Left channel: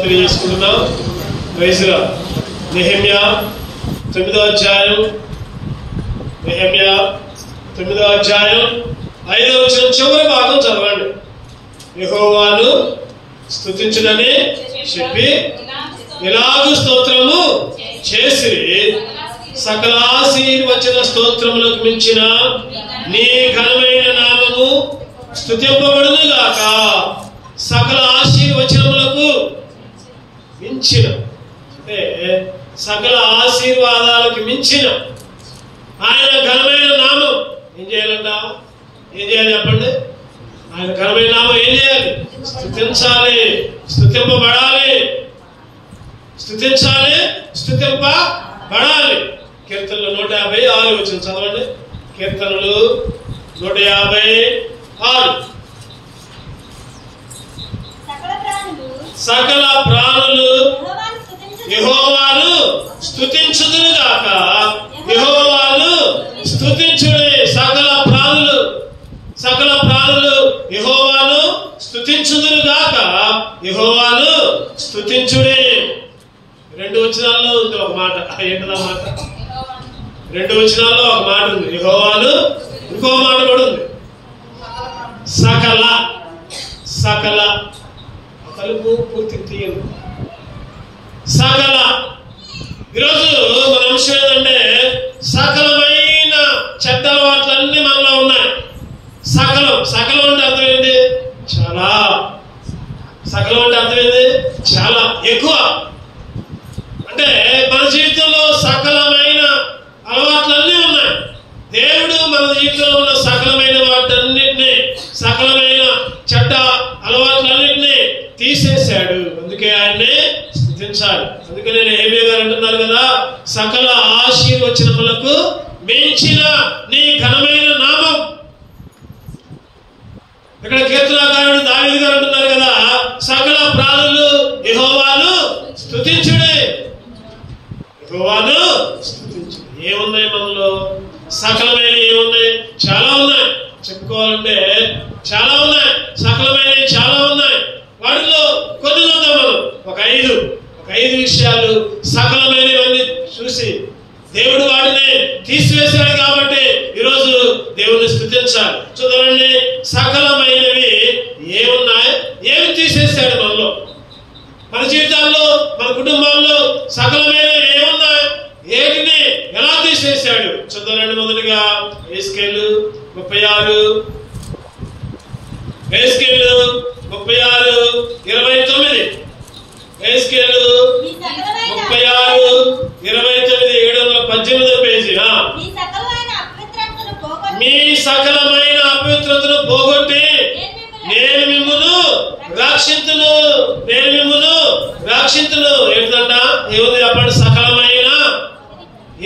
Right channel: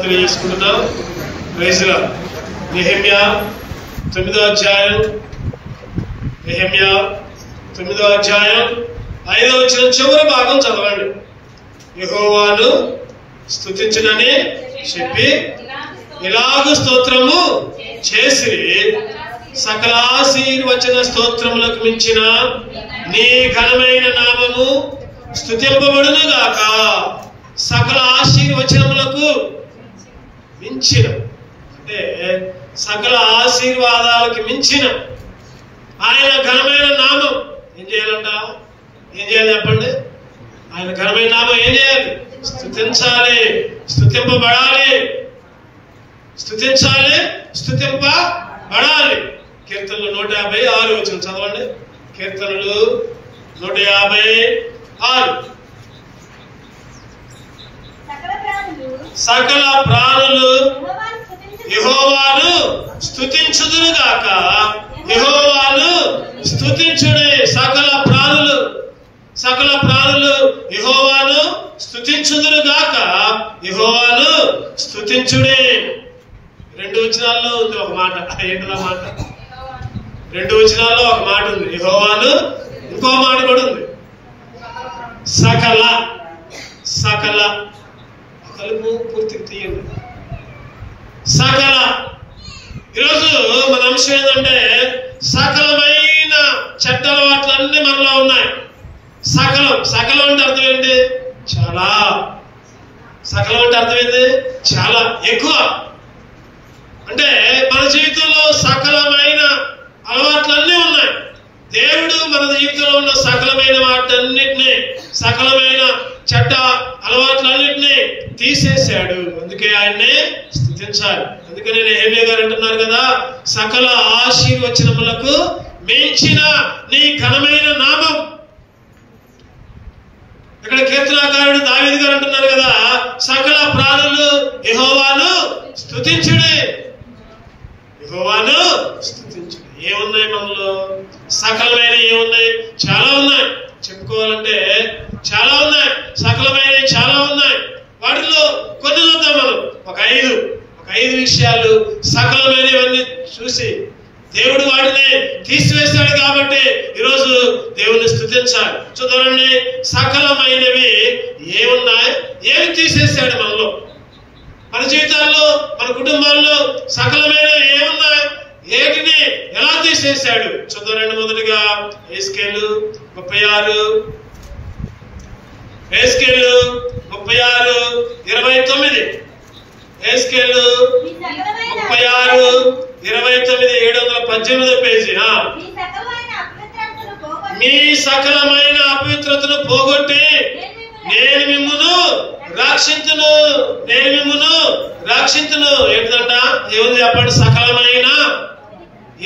తెలియజేసుకుంటున్నాం. నెహెమ్యా 9వ అధ్యాయం 5వ వచనం చివరి భాగం చదవండి. యెహోవాను స్తుతించునని చెప్పి ఇలాగు స్తోత్రము చేసి సకల ఆశీర్వచన స్తోత్రములకు మించిన నీ ఘనమైన నామము స్తుతింపబడును గాక. సకల ఆశీర్వచనములకు మించిన అంటే సకల ఆశీర్వాదాలకు మించిన ఆయన ఘనమైన నామం ఏం చేయాలంట? ఏం చేయాలి చెప్పండి? ఆయన ఘనమైన నామం ఏం చేయాలి? స్తుతించాలి, స్తుతింపబడాలి, స్తుతించాలి, స్తుతింపబడాలి. కీర్తనలు 156 వచ్చిన చదవండి. కీర్తనలు 156. సకల ప్రాణులు యెహోవాను స్తుతించుదురు గాక. యెహోవాను స్తుతించుడే. సకల ప్రాణులు యెహోవాను స్తుతించుదురు గాక. యెహోవాను స్తుతించుడే. 2 వచనాల్లో ఉంది ఒక మాట. ఏంటో మాట? 2 వచనాల్లో ఒక మాట ఉంది. యెహోవాను, ఇంకో మాట కూడా ఉంది. సకల తలుపు పూర్తిగా తీయండి. సకల. ఈరోజు మన అంశం ఏంటంటే సకలమైన చెడ్డ అలవాట్లన్నీ మనలో ఉన్నాయి. సకలం అంటే అర్థమైంది చాలా. సకలం అంటే అర్థమైంది చాలా ఎక్కువ. అంటే మన జీవితంలో సకలమైన అలవాట్లన్నీ ఉన్నాయి. దేవుడు మన జీవితంలో ఉన్న సకలమైన వాటన్నిటినీ, సకలమైన చెడ్డ అలవాట్లన్నింటినీ తీసేశాడు. అందుకే ఆయన్ని స్తుతించాలి. అందుకనే నెహెమ్యా గారు అంటున్నారు కదా, సకల ఆశీర్వచనములకు మించిన నీ ఘనమైన నామం. ఇక్కడ కీర్తనాకారుడు దావీదు గారు అంటున్నారు కదా, సకల ప్రాణులు యెహోవాను స్తుతించుడే. యెహోవాను స్తుతించుడే. ఏమున్నాయి మనలో? సకలమైన ఏమున్నాయి? చాలా ఉన్నాయి. చెప్పుకోవాలంటే చాలా ఉన్నాయి. సకలమైనవి చాలా ఉన్నాయి. వాటిలో కొన్ని చూద్దాం మనం. ఒక ఐదు విషయాలు సకలమైనవన్నీ చూసి దేవుడు వాటిని తీసివేశాడు కాబట్టి ఈరోజు దేవుని స్తుతించాలి. చూడండి, సకలమైనవి ఏమున్నాయి, ఏమి తీసేశాడు మనలో, మన జీవితాల్లో, మన కుటుంబాల్లో సకలమైనవి ఏమున్నాయి, ఏటిని ఎలా తీసేశాడు చూద్దామండి. మొదటిగా ఎహెజ్కేలు 36, 36:29. ఎహెజ్కేలు 36:29, 718 పేజీ. మీ సకలమైన అపవిత్రతను పోగొట్టి నేను మిమ్మును రక్షింతును. ఏంటంట? ఏముంది చెప్పండి? సకలమైన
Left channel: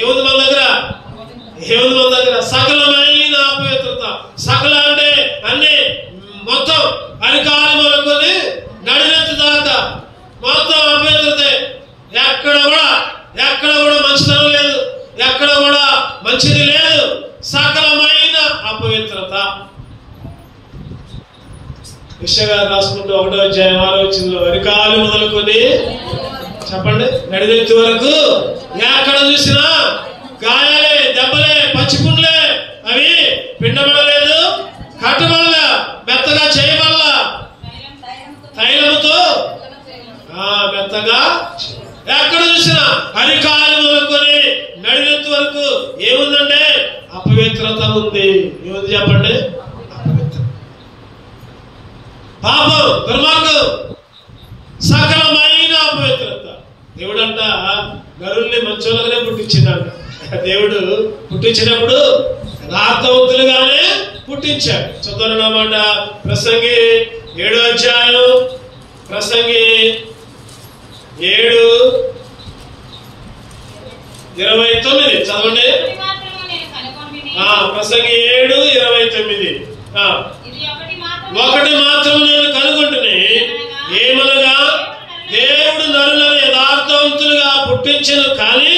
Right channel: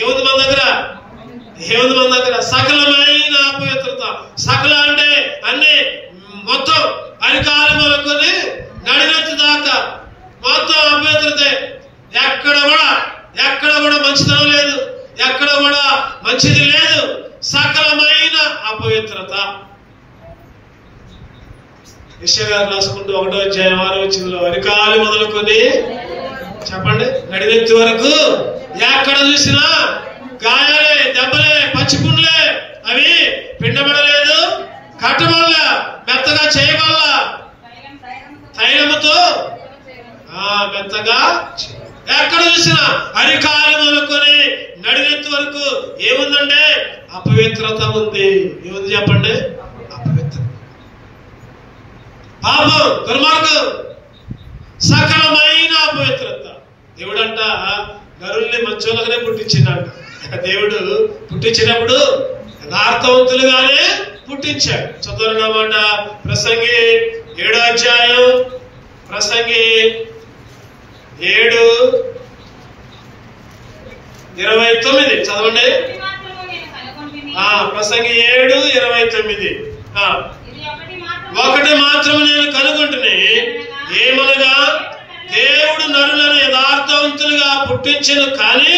ఏముంది మన దగ్గర? సకలమైన అపవిత్రత. సకల అంటే అన్ని, మొత్తం అరికాలు మొదలుకొని నడినెత్తి దాకా మొత్తం అపవిత్రతే. ఎక్కడ కూడా మంచితనం లేదు, ఎక్కడ కూడా మంచిది లేదు. సకలమైన అపవిత్రత. యెషయా గారు రాసుకుంటూ 1వ అధ్యాయం 6వ వచనంలో అరికాలు మొదలుకొని చెప్పండి నడినెత్తి వరకు ఎక్కడ చూసినా గాయాలే, దెబ్బలే, పచ్చిపుండ్లే. అవి పిండబడలేదు, కట్టబడల, మెత్తగా చేయబడల, తైలముతో మెత్తగా. ఎక్కడ చూసినా అరికాలు మొదలుకొని నడినెత్తి వరకు ఏముందంటే అపవిత్రత ఉంది. ఏముంది చెప్పండి? అపవిత్రత, పాపం, దుర్మార్గం, సకలమైన అపవిత్రత. దేవుడంట నరుల్ని మంచోళ్ళగానే పుట్టించినాడు. దేవుడు పుట్టించినప్పుడు యథార్థవంతులుగానే పుట్టించాడు. చదువునమాట ప్రసంగి 7వ అధ్యాయం, ప్రసంగి 7:29 చదవండి. ప్రసంగి 7:29. ఒకటి మాత్రం నేను కనుగొంటుని, ఏమనగా దేవుడు నరులను యథార్థవంతులుగా పుట్టించను, కానీ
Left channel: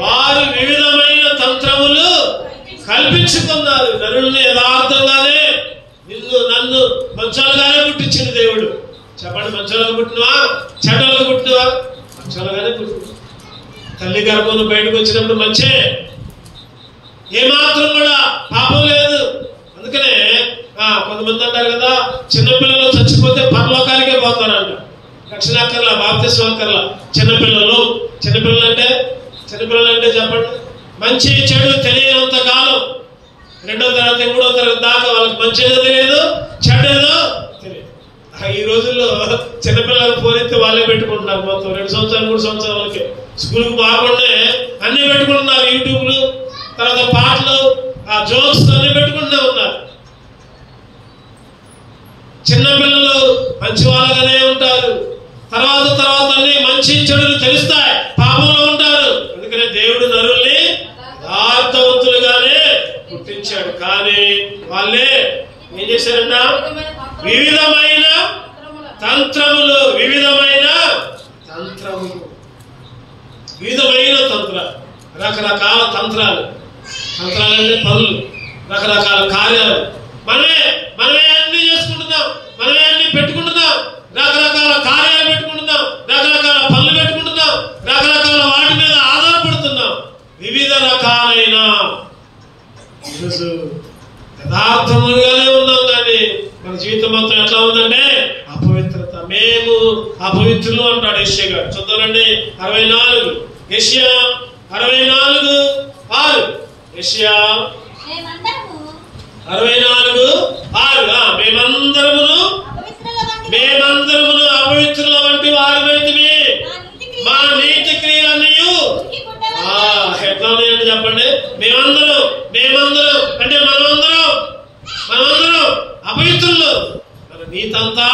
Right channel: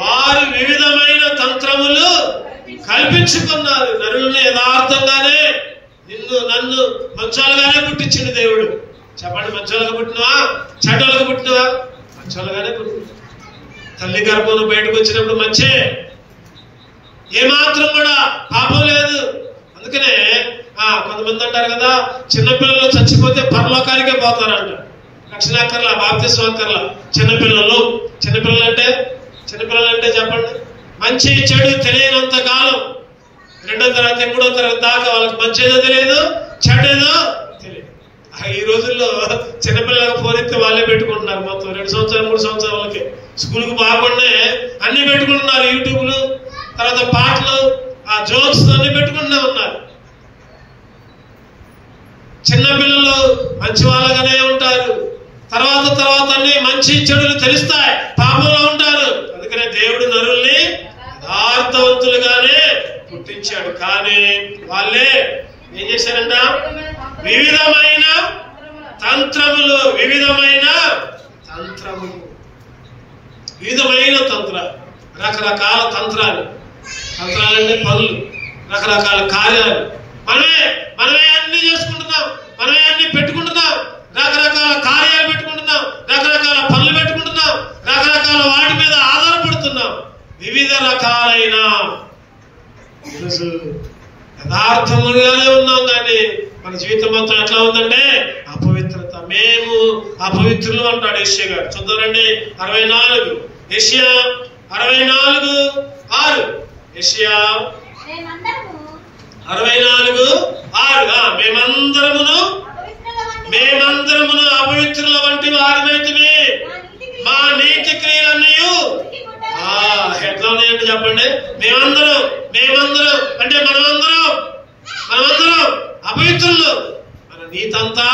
వారు వివిధమైన తంత్రములు కల్పించుకున్నారు. నరులను యథార్థంగానే, నన్ను మంచాలుగానే పుట్టించిన దేవుడు. చెప్పండి, మంచోళ్ళగా పుట్టినవా చెడ్డలుగా పుట్టినవా? మంచోళ్ళగానే పుట్టినవా. తల్లి గర్భంలో బయటకు వచ్చినప్పుడు మంచే, ఏమాత్రం కూడా పాపం లేదు. అందుకనే కొంతమంది అంటారు కదా, చిన్నపిల్లలు చచ్చిపోతే పరలోకానికే పోతారంట. రక్షణాకర్ల బాప్తిస్మకర్ల చిన్నపిల్లలు అంటే చెప్పండి, మంచి చెడు తెలియనంత కాలం 2వ తరగతి 3వ తరగతి దాకా వాళ్ళకి మంచిదో తెలియదు, చెడేదో తెలియదు. ఈ రోజుల్లో చిన్నపిల్లలకు పోనెత్తే వాళ్ళే పెట్టుకుంటున్నారు. మొత్తం 2 సంవత్సరాలు 3 సంవత్సరాల వాళ్ళకి స్కూల్కి బాగుండే అన్ని పెట్టుకుంటున్నారు. యూట్యూబ్లు, తర్వాత పాటలు, ఆ జోక్స్ అన్ని పెట్టుకుంటూ ఉన్నారు. చిన్నపిల్లలు మంచి వాళ్ళగానే ఉంటారు. తర్వాత అన్ని మంచి చెడులు తెలుస్తాయి, పాపంలో ఉంటారు. అందుకనే దేవుడు నరుల్ని యథార్థవంతులుగానే పుట్టించాడు. కానీ వాళ్ళే ఏం చేశారంట? వివిధమైన తంత్రములు రకరకాల తంత్రాలు అంటే పనులు, రకరకాల కార్యాలు మనమే అన్ని చేసుకుంటున్నాం, మనమే అన్ని పెట్టుకుంటున్నాం, రకరకాల కార్యాలు పెట్టుకుంటున్నాం, రకరకాల పనులు పెట్టుకుంటున్నాం, రకరకాల వాటి మీద ఆధారపడుతున్నాం. వివిధ రకాలైన ఈరోజు యథార్థములుగానే ఉన్నాం, కానీ మన జీవితం మొత్తం ఎట్లా ఉందంటే అపవిత్రత. మేము అపవిత్రులు అంటాడు యెషయా గారు. చూద్దామండి 64 యెషయా 64:6. యెషయా 64:6. మేమందరమును అపవిత్రుల వంటి వారిమైతిమి, మా నీతి క్రియలన్నీ ఎట్లా ఉన్నాయంటే చెప్పండి. మేమందరం అంటే మనమందరం అపవిత్రులు. మన నీతంతా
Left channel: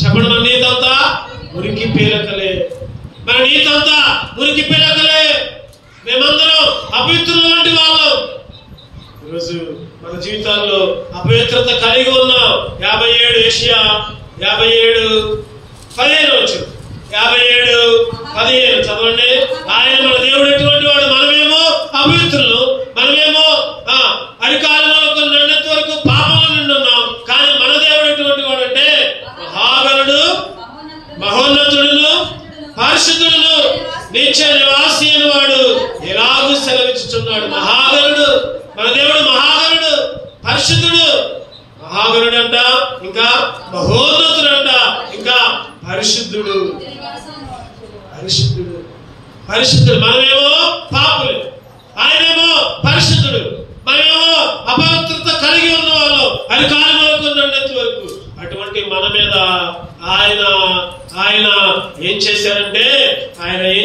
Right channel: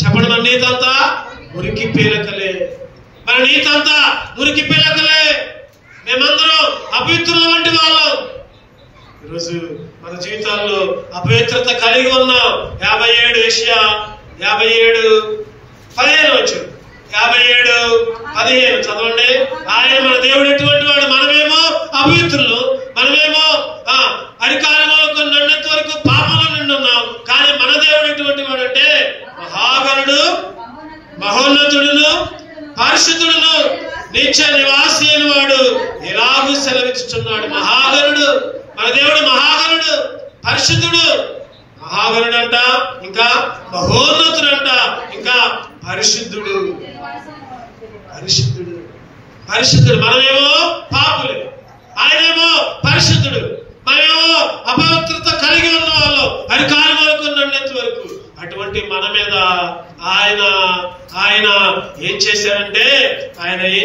చెప్పండి, మన నీతంతా మురికి పీలకలే. మేమందరం అపవిత్రుల వంటి వాళ్ళం. ఈరోజు మన జీవితాల్లో అపవిత్రత కలిగి ఉన్నాం. 57 యెషయా 57:15 వచ్చింది. 57:15 చదవండి. ఆయన మన దేవుడు ఎటువంటి వాడు? మనమేమో అపవిత్రులు, మనమేమో అరికాలంలో నిన్నటి వరకు పాపంలో నిండి ఉన్నాం. కానీ మన దేవుడు ఎటువంటి వాడు అంటే మహాగణుడు, మహోన్నతుడును, పరిశుద్ధుడును, నిత్య నివాసి అని వాడు ఎలాగూ సెలవిచ్చుచున్నాడు. మహాగణుడు, మన దేవుడు మహాగణుడు, పరిశుద్ధుడు. మహాగణుడు అంట, ఇంకా మహోన్నతుడు అంట, ఇంకా పరిశుద్ధుడు. మనమేమో పాపులు, ఆయనేమో పరిశుద్ధుడు. మనమేమో అపవిత్రత కలిగి ఉన్న వాళ్ళు, అది కాలం వరకు నిన్నటి వరకు. అటువంటి మన మీద ఆయన ఏం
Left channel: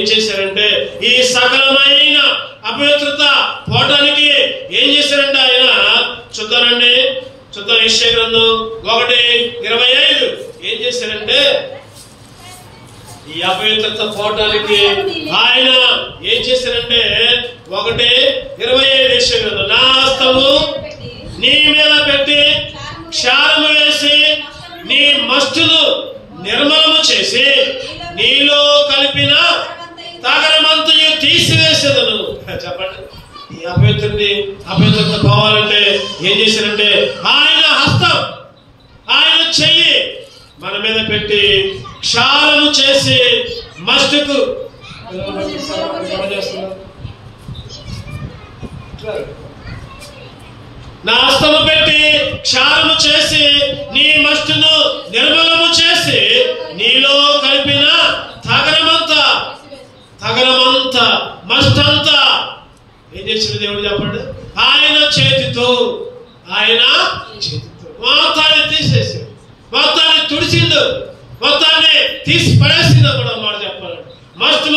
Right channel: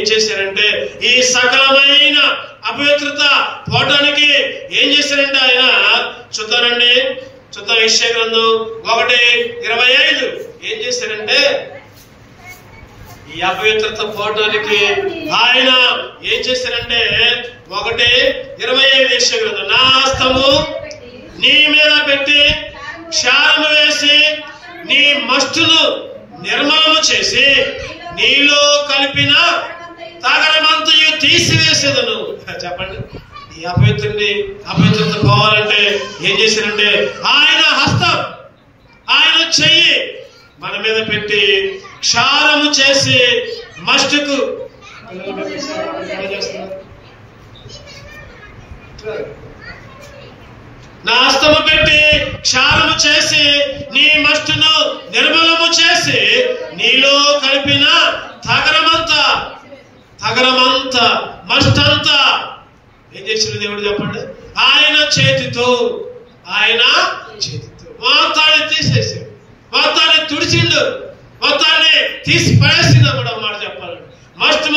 చేశారంటే ఈ సకలమైన అపవిత్రత పోవడానికి ఏం చేశారంటే ఆయన చూద్దానండి. యెషయా గ్రంథం 1:25 ఏం చేశారంటే ఈ అపవిత్రత పోవడానికి ఆయన ఏం చేశారంటే 1:25 యెషయా గ్రంథం, నా హస్తము నీ మీద పెట్టి క్షారము వేసి నీ మస్టును నిర్మలము చేసి నీలో కలిపిన తగరమంతయు తీసివేసేదను. చెప్పండి, ఈ అపవిత్రత పోవాలంటే ఏం చేశారంటే ఆయన హస్తం, ఆయన చెయ్యి మన మీద పెట్టి క్షారము చేసి మస్టుకు నా హస్తము పెట్టి క్షారము చేసి నీ మస్టును నిర్మలము చేసి నీలో కలిపిన తగరమంతా మస్టంతా ఏం చేసిన దేవుడు చెప్పండి. ఆయన చేతితో మొత్తాన్ని తీసేసి, మొత్తాన్ని తుడిచిండు, మొత్తాన్ని తీసి పడేసిండు కూడా మాట చెప్పాలంటే. మస్ట్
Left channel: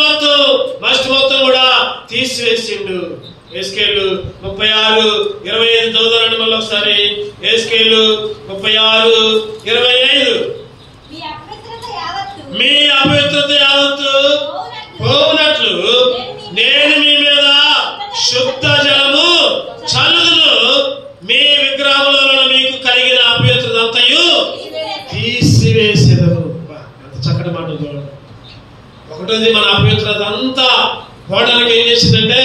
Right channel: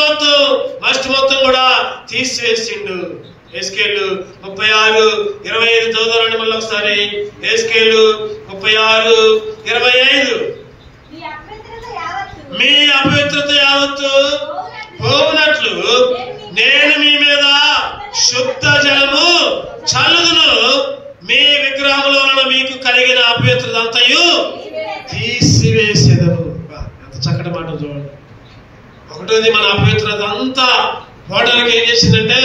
మొత్తం కూడా తీసివేసిండు. ఎస్కేలు 36:25 చదువుతారండి మళ్ళీ ఒకసారి. ఎస్కేలు 36:25 మీ అపవిత్రత యావత్తు పోవునట్లు నేను మీ మీద శుద్ధ జలము చల్లుదును, మీ విగ్రహంలో మీకు కలిగిన అపవిత్రత అంతయు తీసివేసేదను. ఎంత చక్కటి మాట చూడండి. ఒకటోది, మన అపవిత్రత అంతా పోవడానికి ఏం చేసిందంటే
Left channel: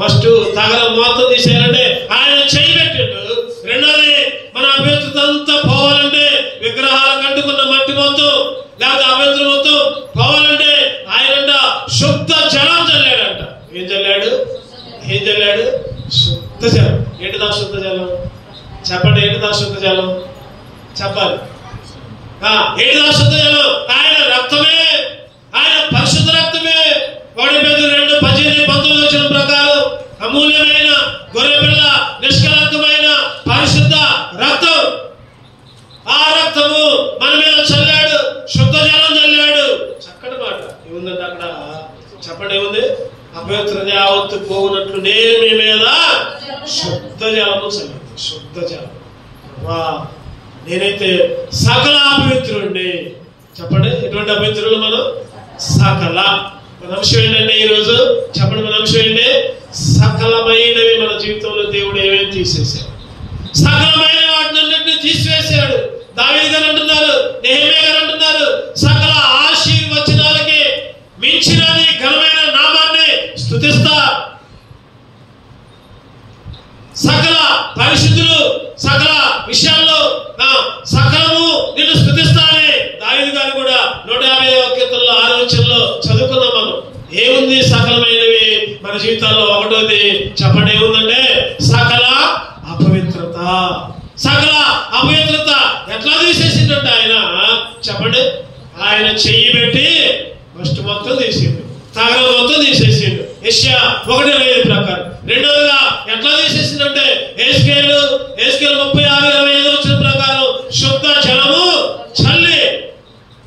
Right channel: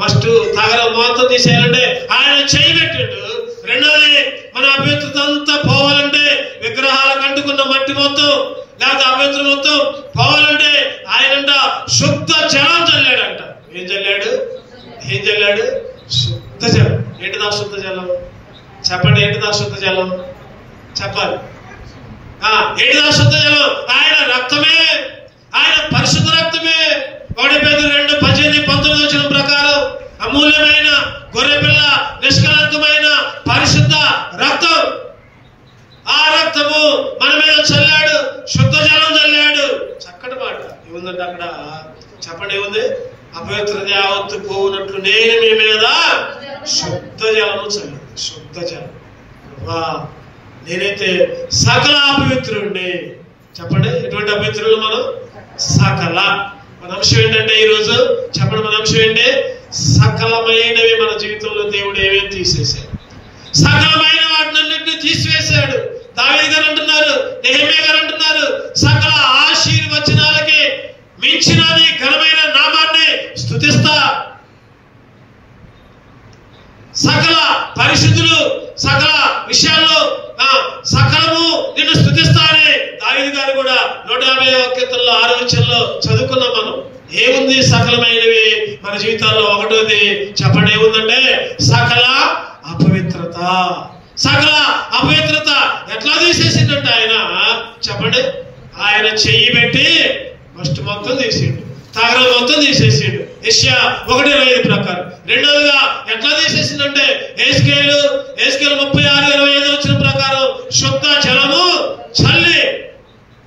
ఫస్ట్ తగరం మొత్తం తీసేయాలంటే ఆయన చేయబెట్టిండు. రెండోది, మన అపవిత్రత అంతా పోవాలంటే విగ్రహాల కంటే అంటుకున్న మట్టి మొత్తం లేదా అపవిత్రం మొత్తం పోవాలంటే ఆయన శుద్ధ జలం చల్లాడంట. ఏం చల్లాడు? శుద్ధ జలం. ఏంటిదా శుద్ధ జలం? చెప్పండి, ఏంటిదా శుద్ధ జలం? చెప్పాలి. ఏంటిదా శుద్ధ జలం? ఆయన రక్తమే, ఆయన పరిశుద్ధ రక్తమే. 1 Petrus 2:18-19 వచ్చిన ప్రకారం అమూల్యమైన గొర్రెపిల్ల నిష్కలంకమైన పరిశుద్ధ రక్తం. ఆ రక్తము మన మీద చల్లాడు, శుద్ధ జలం చల్లాడు. చక్కటి మాట. ఏముందంటే అక్కడ చెప్పండి, ఏముంది? అపవిత్రత యావత్తు పోవునట్లు నేను మీ మీద శుద్ధ జలము చల్లాను. శుద్ధ జలం. నేనైతే సకల అపవిత్రుడిని. చెప్పండి, ఎటువంటి అపవిత్రులు మనం? సకల. మన అంశం ఏంటంటే ఈరోజు చెప్పండి, మన అంశం ఏంటి? సకలమైనవి మన జీవితంలో దేవుడు ఏమేమి తీసేశాడు? సకలమైన వాటినన్నింటినీ తీసివేశాడు. దావీదు గారు అంటున్నారు, నెహెమ్యా గారు అంటున్నారు, సకల ఆశీర్వచనాలకి మించినది ఘనమైన నామాన్ని స్తుతిస్తా. సకల పరిశుద్ధులు సకల విషయాల్లో సకలము నిన్ను స్తుతిస్తానే దావీదు గారు కూడా 150వ కీర్తనలో 6వ వచనంలో చదువుకున్నాం మనం. ఏముంది సకలమైనవి మన జీవితాల్లో? ఒకటోది చెప్పండి, ఏముందంటే సకల అపవిత్రత. సకల అపవిత్రత ఎట్లా తీసేసిందంటే ఆయన చెప్పండి, ఆయన చెయ్యి పెట్టి ఫస్ట్ మొత్తం తీసిండు, తగల మొత్తం తీసేసిండు. యెషయా 1:25 ప్రకారం. రెండోదిగా ఎట్లా తీసేసిందంటే ఎహెజ్కేలు 36:25 వచ్చిన ప్రకారం శుద్ధ జలము చల్లి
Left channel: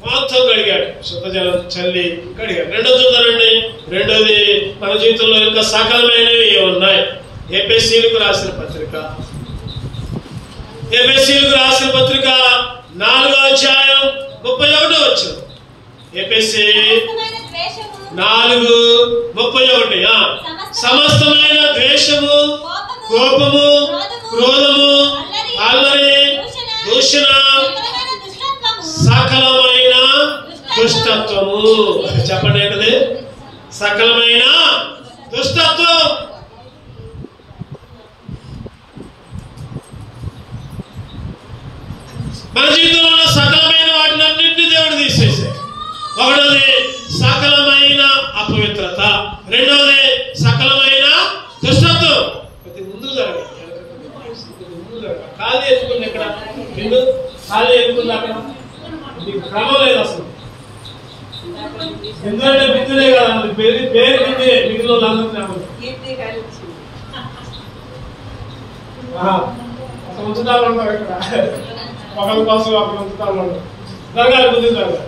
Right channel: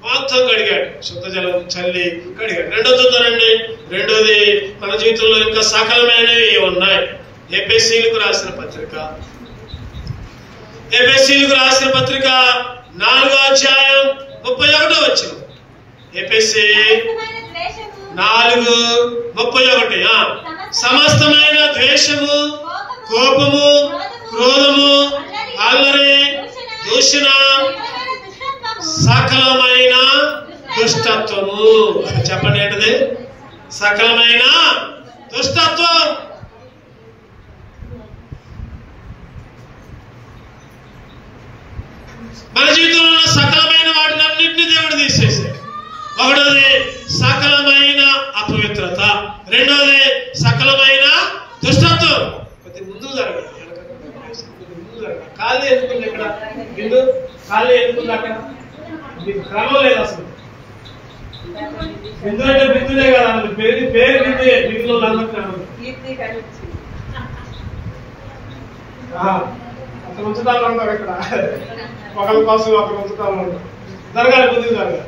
మొత్తం కడిగాడు. శుద్ధ జలం చల్లి కడిగాడు. రెండోది చూద్దానండి. రెండోది మన జీవితంలో ఇంకా సకలమైనవి ఉన్నాయి. ఎఫెసీయులకు రాసిన పత్రిక 4వ అధ్యాయం 31వ వచనం. ఎఫెసీ 4:31. సమస్తమైన ద్వేషము, కోపము, క్రోధము, అల్లరి, దూషణ, సకలమైన దుష్టత్వము. చెప్పండి, ఏంటది? సకలమైన దుష్టత్వం. మన జీవితంలో సకలమైన వాటిని అన్నింటినీ దేవుడు తీసేశాడు. ఒకటోది సకలమైన అపవిత్రత, రెండోది సకలమైన దుష్టత్వం. కొద్ది ముందు జరగదు, ఖాళీ ఎందుకుంది ఇక్కడ? బిందు ఖాళీ ఎందుకుంది అక్కడ? మీకు క్రమం లేదు అసలు. ఎందుకంటే బిందులే కదా, పేరు బిందే, మిగిలిన వాళ్ళందరూ అసలు ఉంచుతాను అంటారు ఇక్కడ. ఒకరి కోసం ఒకరు ఉంచుతాను అంటారు. జరగాలి, ముందు జరగాలి.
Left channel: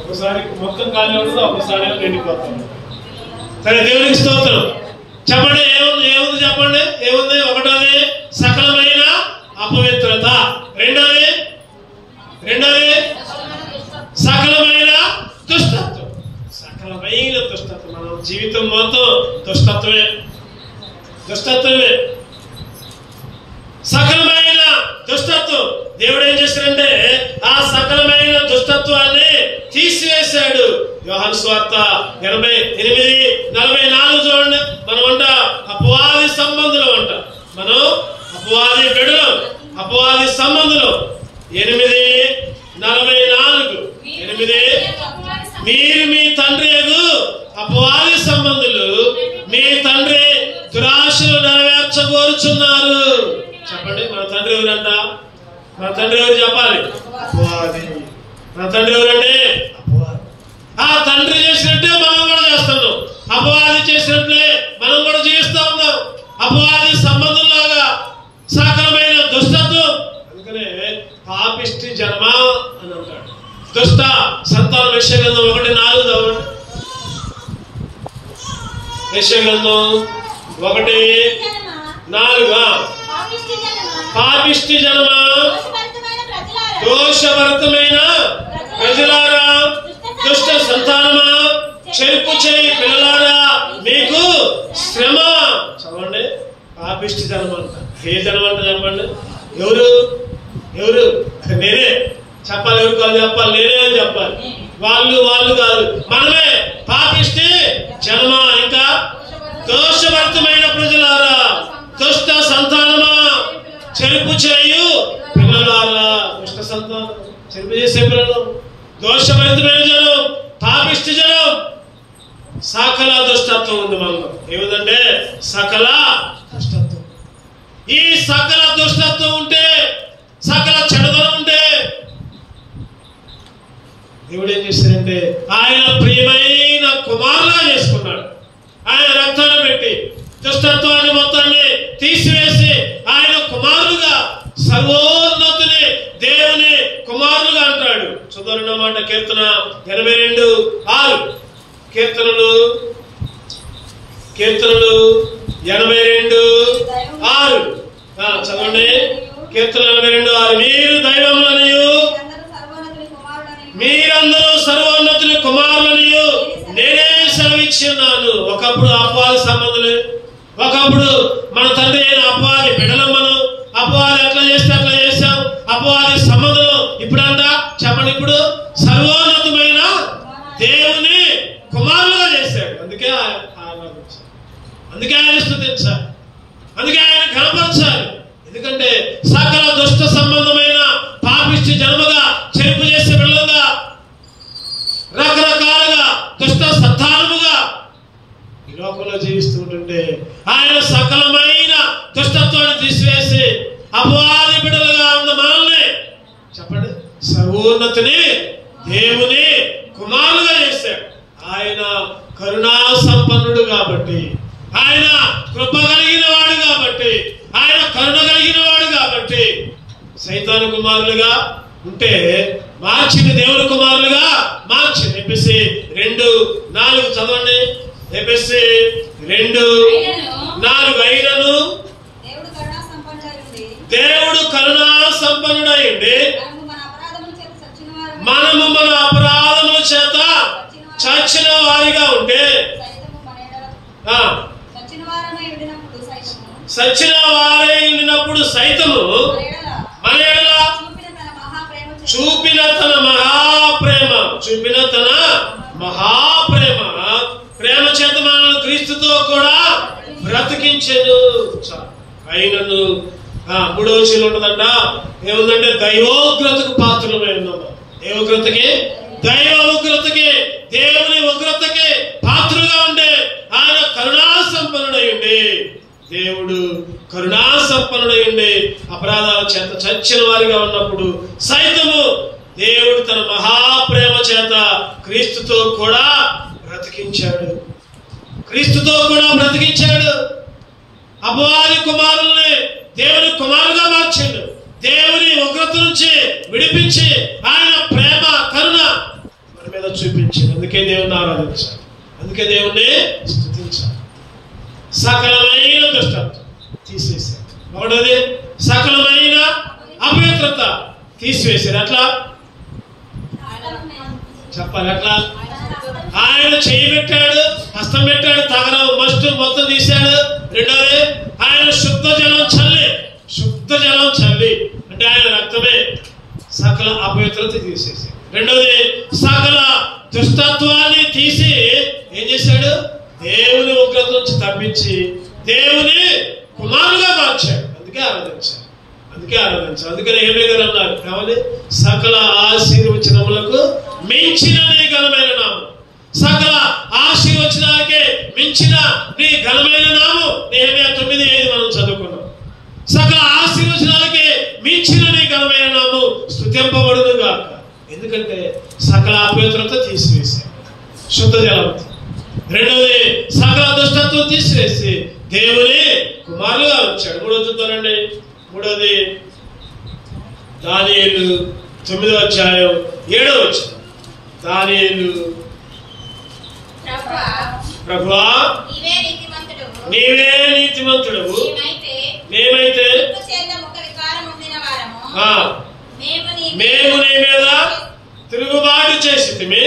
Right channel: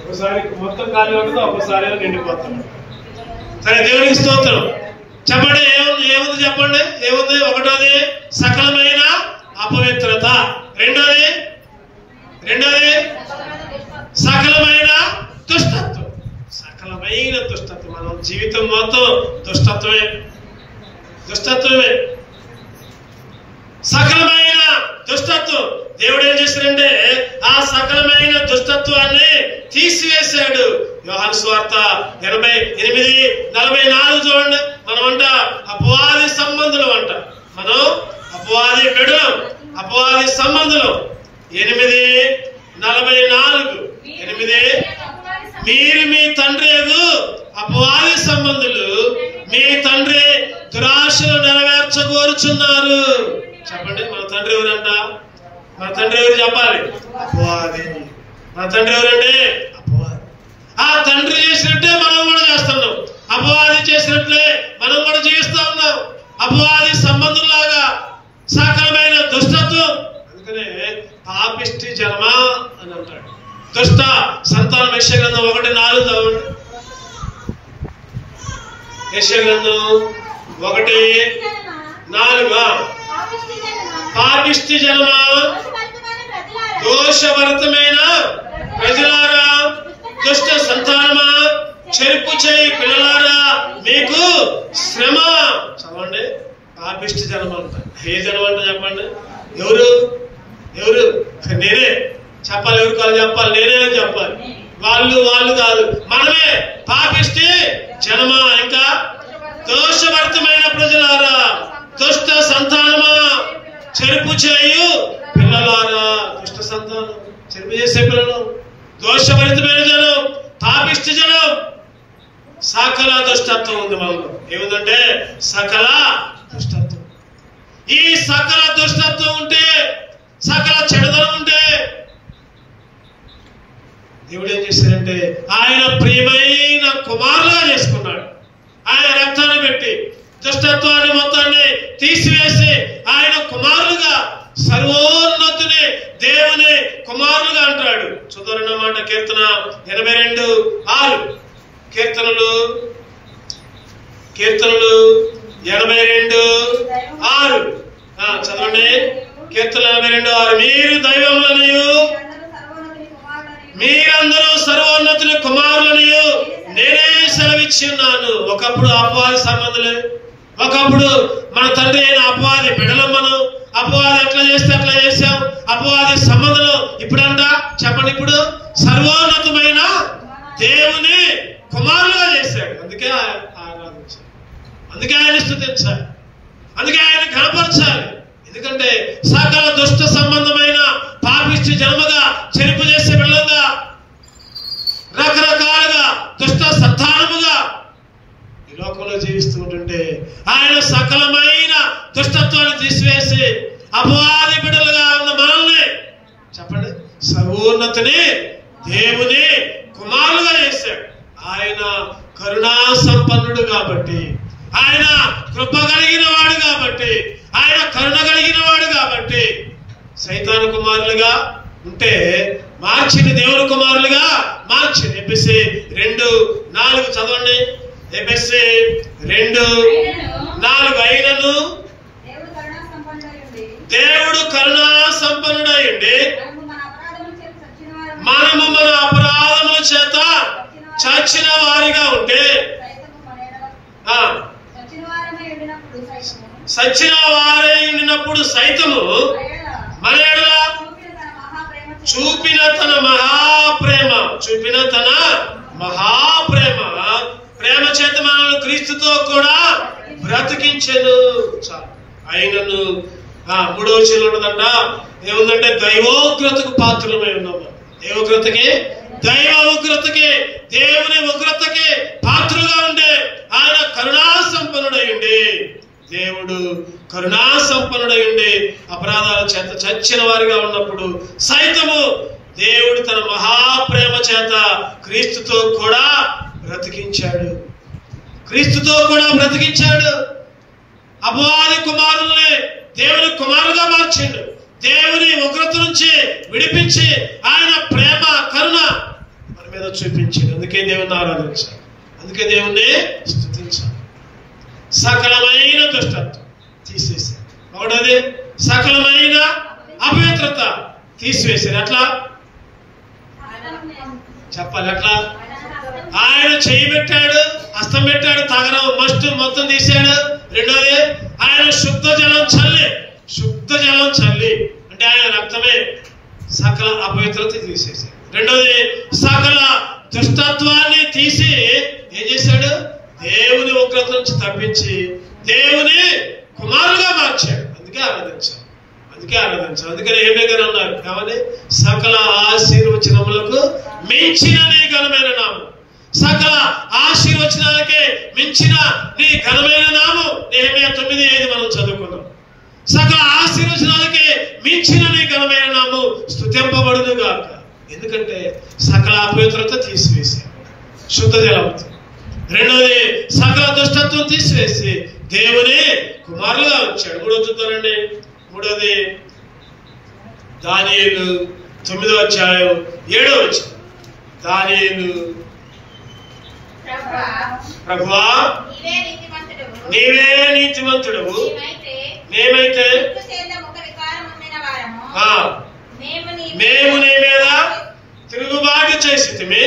ఒకసారి మొత్తం ఖాళీ ఉంటుంది, ఒకసారి నిండిపోతాం. సరే, దేవునికి స్తోత్రం. చెప్పండి, ఏముంది చెప్పండి, ఏముంది? ఒకటోది సకలమైన అపవిత్రత, రెండోది సకలమైన దుష్టత్వం. సకలమైన దుష్టత్వం. మన జీవితం మొత్తం దుష్టత్వమే. సకలమైన దుష్టత్వం. దేవుడు ఏం చేశాడంటే ఆ సకలమైన దుష్టత్వాన్ని తీసివేశాడు. యోహాను సువార్త 28:44 చూడండి. మనం అంట అపవాది సంబంధులం అంట. మనం అపవాది బిడ్డలం, అపవాది సంబంధులం. 8:44. మీరు మీ తండ్రి అపవాది సంబంధులు, మీ తండ్రి దురాశలు నెరవేర్చగోరుచున్నారు. చెప్పండి, మన తండ్రి ఎవరంట? మన తండ్రి ఎవరు చెప్పాలి? అపవాది. మన తండ్రి ఎవరంటే అపవాది. ఆ తండ్రి చేసినట్టే మనం కూడా చేస్తున్నాం. అపవాది చేసినట్లే మనం కూడా జీవిస్తా ఉన్నాం. అపవాది సంబంధంలాగా సకలమైన దుష్టత్వం. అందుకనే పాపిష్టి జన్మ అని అంటాడు. దుష్ట సంతానం. యెషయా గ్రంథం 1:4 చదవండి. యెషయా గ్రంథం 1:4. పాపిష్టి జన్మ, దోషభరితమైన ప్రజలారా, దుష్ట సంతానమా, చెరుపు చేయి పిల్లలారా, మీకు శ్రమ. చదవండి, పాపిష్టి జన్మ అంట. ఏ జన్మ అంట చెప్పండి? ఎవరు నేనే చెప్పాలి. ఎవరు కాదు చెప్పాలి? నేనే అని చెప్పాలి. వాళ్ళు కాదు, మనమే. పాపిష్టి జన్మ, ఇంకా దోషభరితమైన ప్రజలారా, దుష్ట సంతానమా, చెరుపు చేయు పిల్లలారా. దుష్ట సంతానం చెరుపు చేసే పిల్లలు, దోషభరితమైన జనం, పాపిష్టి జనం, సకల దుష్టత్వం ఉంది మనలో. ఏముందంటే సకల దుష్టత్వం. ఈ సకల దుష్టత్వం ఉంటే, సకల చెడుదనం ఉంటే దేవుడు ఏం చేశారంటే ఆయన ప్రియమైన కుమారులుగా చేసుకున్నాడు. ఆయన రక్తాన్ని పెట్టి దుష్టత్వాన్ని మొత్తాన్ని తీసివేసి ఆయన కుమారులుగా, సర్వోన్నతుని దేవుని కుమారులుగా అంటాడు. చదవనమాట కీర్తన 82:6. కీర్తనలు 82:6 చదవండి. కీర్తన 82:6. మీరు దైవములనియు, మీరందరూ సర్వోన్నతుని కుమారులనియు నేనే సెలవిచ్చి ఉన్నాను. ఒకప్పుడు అపవాది సంబంధులు, ఒకప్పుడు మన తండ్రి అయిన అపవాది బిడ్డలం. మనం అపవాది ఎట్లా చేస్తే అట్లా చేశాం. అపవాది సంబంధులు ఇప్పుడంట చెప్పండి, ఇప్పుడు సర్వోన్నతమైన దేవుని కుమారులుగా చేశాడు. అందుకే ఆరాధించాలి, అందుకే ఆయన స్తుతించాలి, అందుకే ఆయన కనపరచాలి. ఎందుకంటే సకల దుష్ట సంబంధమైన పాపిష్టి జన్మగా, చెరుపు చేసే బిడ్డలుగా, రకరకాలుగా దుష్ట సంతానముగా ఈ లోకంలో జీవిస్తూ ఉంటుంటే ఆయన సకలమైన దుష్టత్వాన్ని తీసివేసి అపవాది బిడ్డలుగా ఉన్న మనల్ని చెప్పండి సర్వోన్నతుని దేవుని కుమారులుగా చేశాడు. ఆయన కరుణా సంపన్నుడు కాబట్టి, ఆయన కృప కలిగిన వాడు కాబట్టి, ఆయన కరుణ కలిగిన వాడు కాబట్టి సైతాను కుమారులుగా ఉంటే మార్చిని దేవుని కుమారులుగా మార్చింది. ఎఫెసీ 2:4 చదవండి. ఎఫెసీ 2:4 అయినను దేవుడు కరుణా సంపన్నుడైండి మనము మన అపరాధముల చేత చచ్చిన వారిగా ఉంటే, సచ్చిన వారై ఉండినప్పుడు సైతము మన ఎడల చూపిన తన మహాప్రేమ ప్రేమ చేత మనల్ని క్రీస్తుతో కూడా బ్రతికించెను. అయినను 3వ వచనంలో ఉన్నదంట, ఏముందంటే దైవోగ్రతకు పాత్రమై ఉన్నాము. ఏ ఉగ్రతకి? దైవ ఉగ్రతకి, దేవుని ఉగ్రతకి పాత్రగా ఉండే ఆయన కరుణా సంపన్నుడై ఉండి, దేవుడు కరుణా సంపన్నుడై ఉండి అపరాధాల చేత చచ్చిన వారిగా ఉన్నప్పుడు సైతము దేవుడు తన మహాప్రేమ చేత క్రీస్తుతో కూడా బ్రతికించాడు. క్రీస్తుతో కూడా బ్రతికించాడు. అపవాది కుమారుల్ని దేవుని కుమారుగా మార్చాడు. దేవుని ఉగ్రత నుంచి విడిపించి ఆయన ప్రేమ కరుణ మన మీద చూపించాడు. అందుకే దేవుని ఆరాధించాలి, అందుకే దేవుణ్ణి స్తుతించాలి. సకలమైన దుష్టత్వం తీసివేశాడు. మూడోది సకలమైన అపవిత్రత తీసివేశాడు. అట్లా చెప్పాలి, అట్లా ఆయన చేయి పెట్టాడు, హస్తం పెట్టాడు, తగరం మస్తు మొత్తం తీశాడు. రెండోది ఆయన శుద్ధ జలం చల్లి అంటే ఆయన రక్తమే సకల అపవిత్రత తీసేసాడు. రెండోది సకల దుష్టత్వాన్ని తీసి ఏం చేశాడు? దేవుని ఉగ్రత నుంచి తప్పించి దేవుని కుమారులుగా మార్చాడు. అందుకే ఆరాధించాడు. అందుకని ఏమే గారు అన్నారు కావాలి, సకల ఆశీర్వచనములకు మించిన నీ ఘనమైన నామం, సకల ఆశీర్వచనాలకే మించిన నీ ఘనమైన నామం. నెహెమ్యా 9:5 మనం చదువుకున్నాం. సకల ఆశీర్వచనాలకే మించిన నీ ఘనమైన నామం స్తుతింపబడును గాక. ఎందుకంటే సకల అపవిత్రత తీసివేశాడు, శుద్ధ జలంతో. రెండోది సకల దుష్టత్వం తీసివేసి దేవుని కుమారులుగా వచ్చాడు. మూడోది చూద్దామండి. మూడోది దానియేలు 9వ అధ్యాయం 7వ వచనం. దానియేలు, ప్రభువా నీవే నీతిమంతుడవు, మేమైతే మేము నీ మీద తిరుగుబాటు చేసితిమి,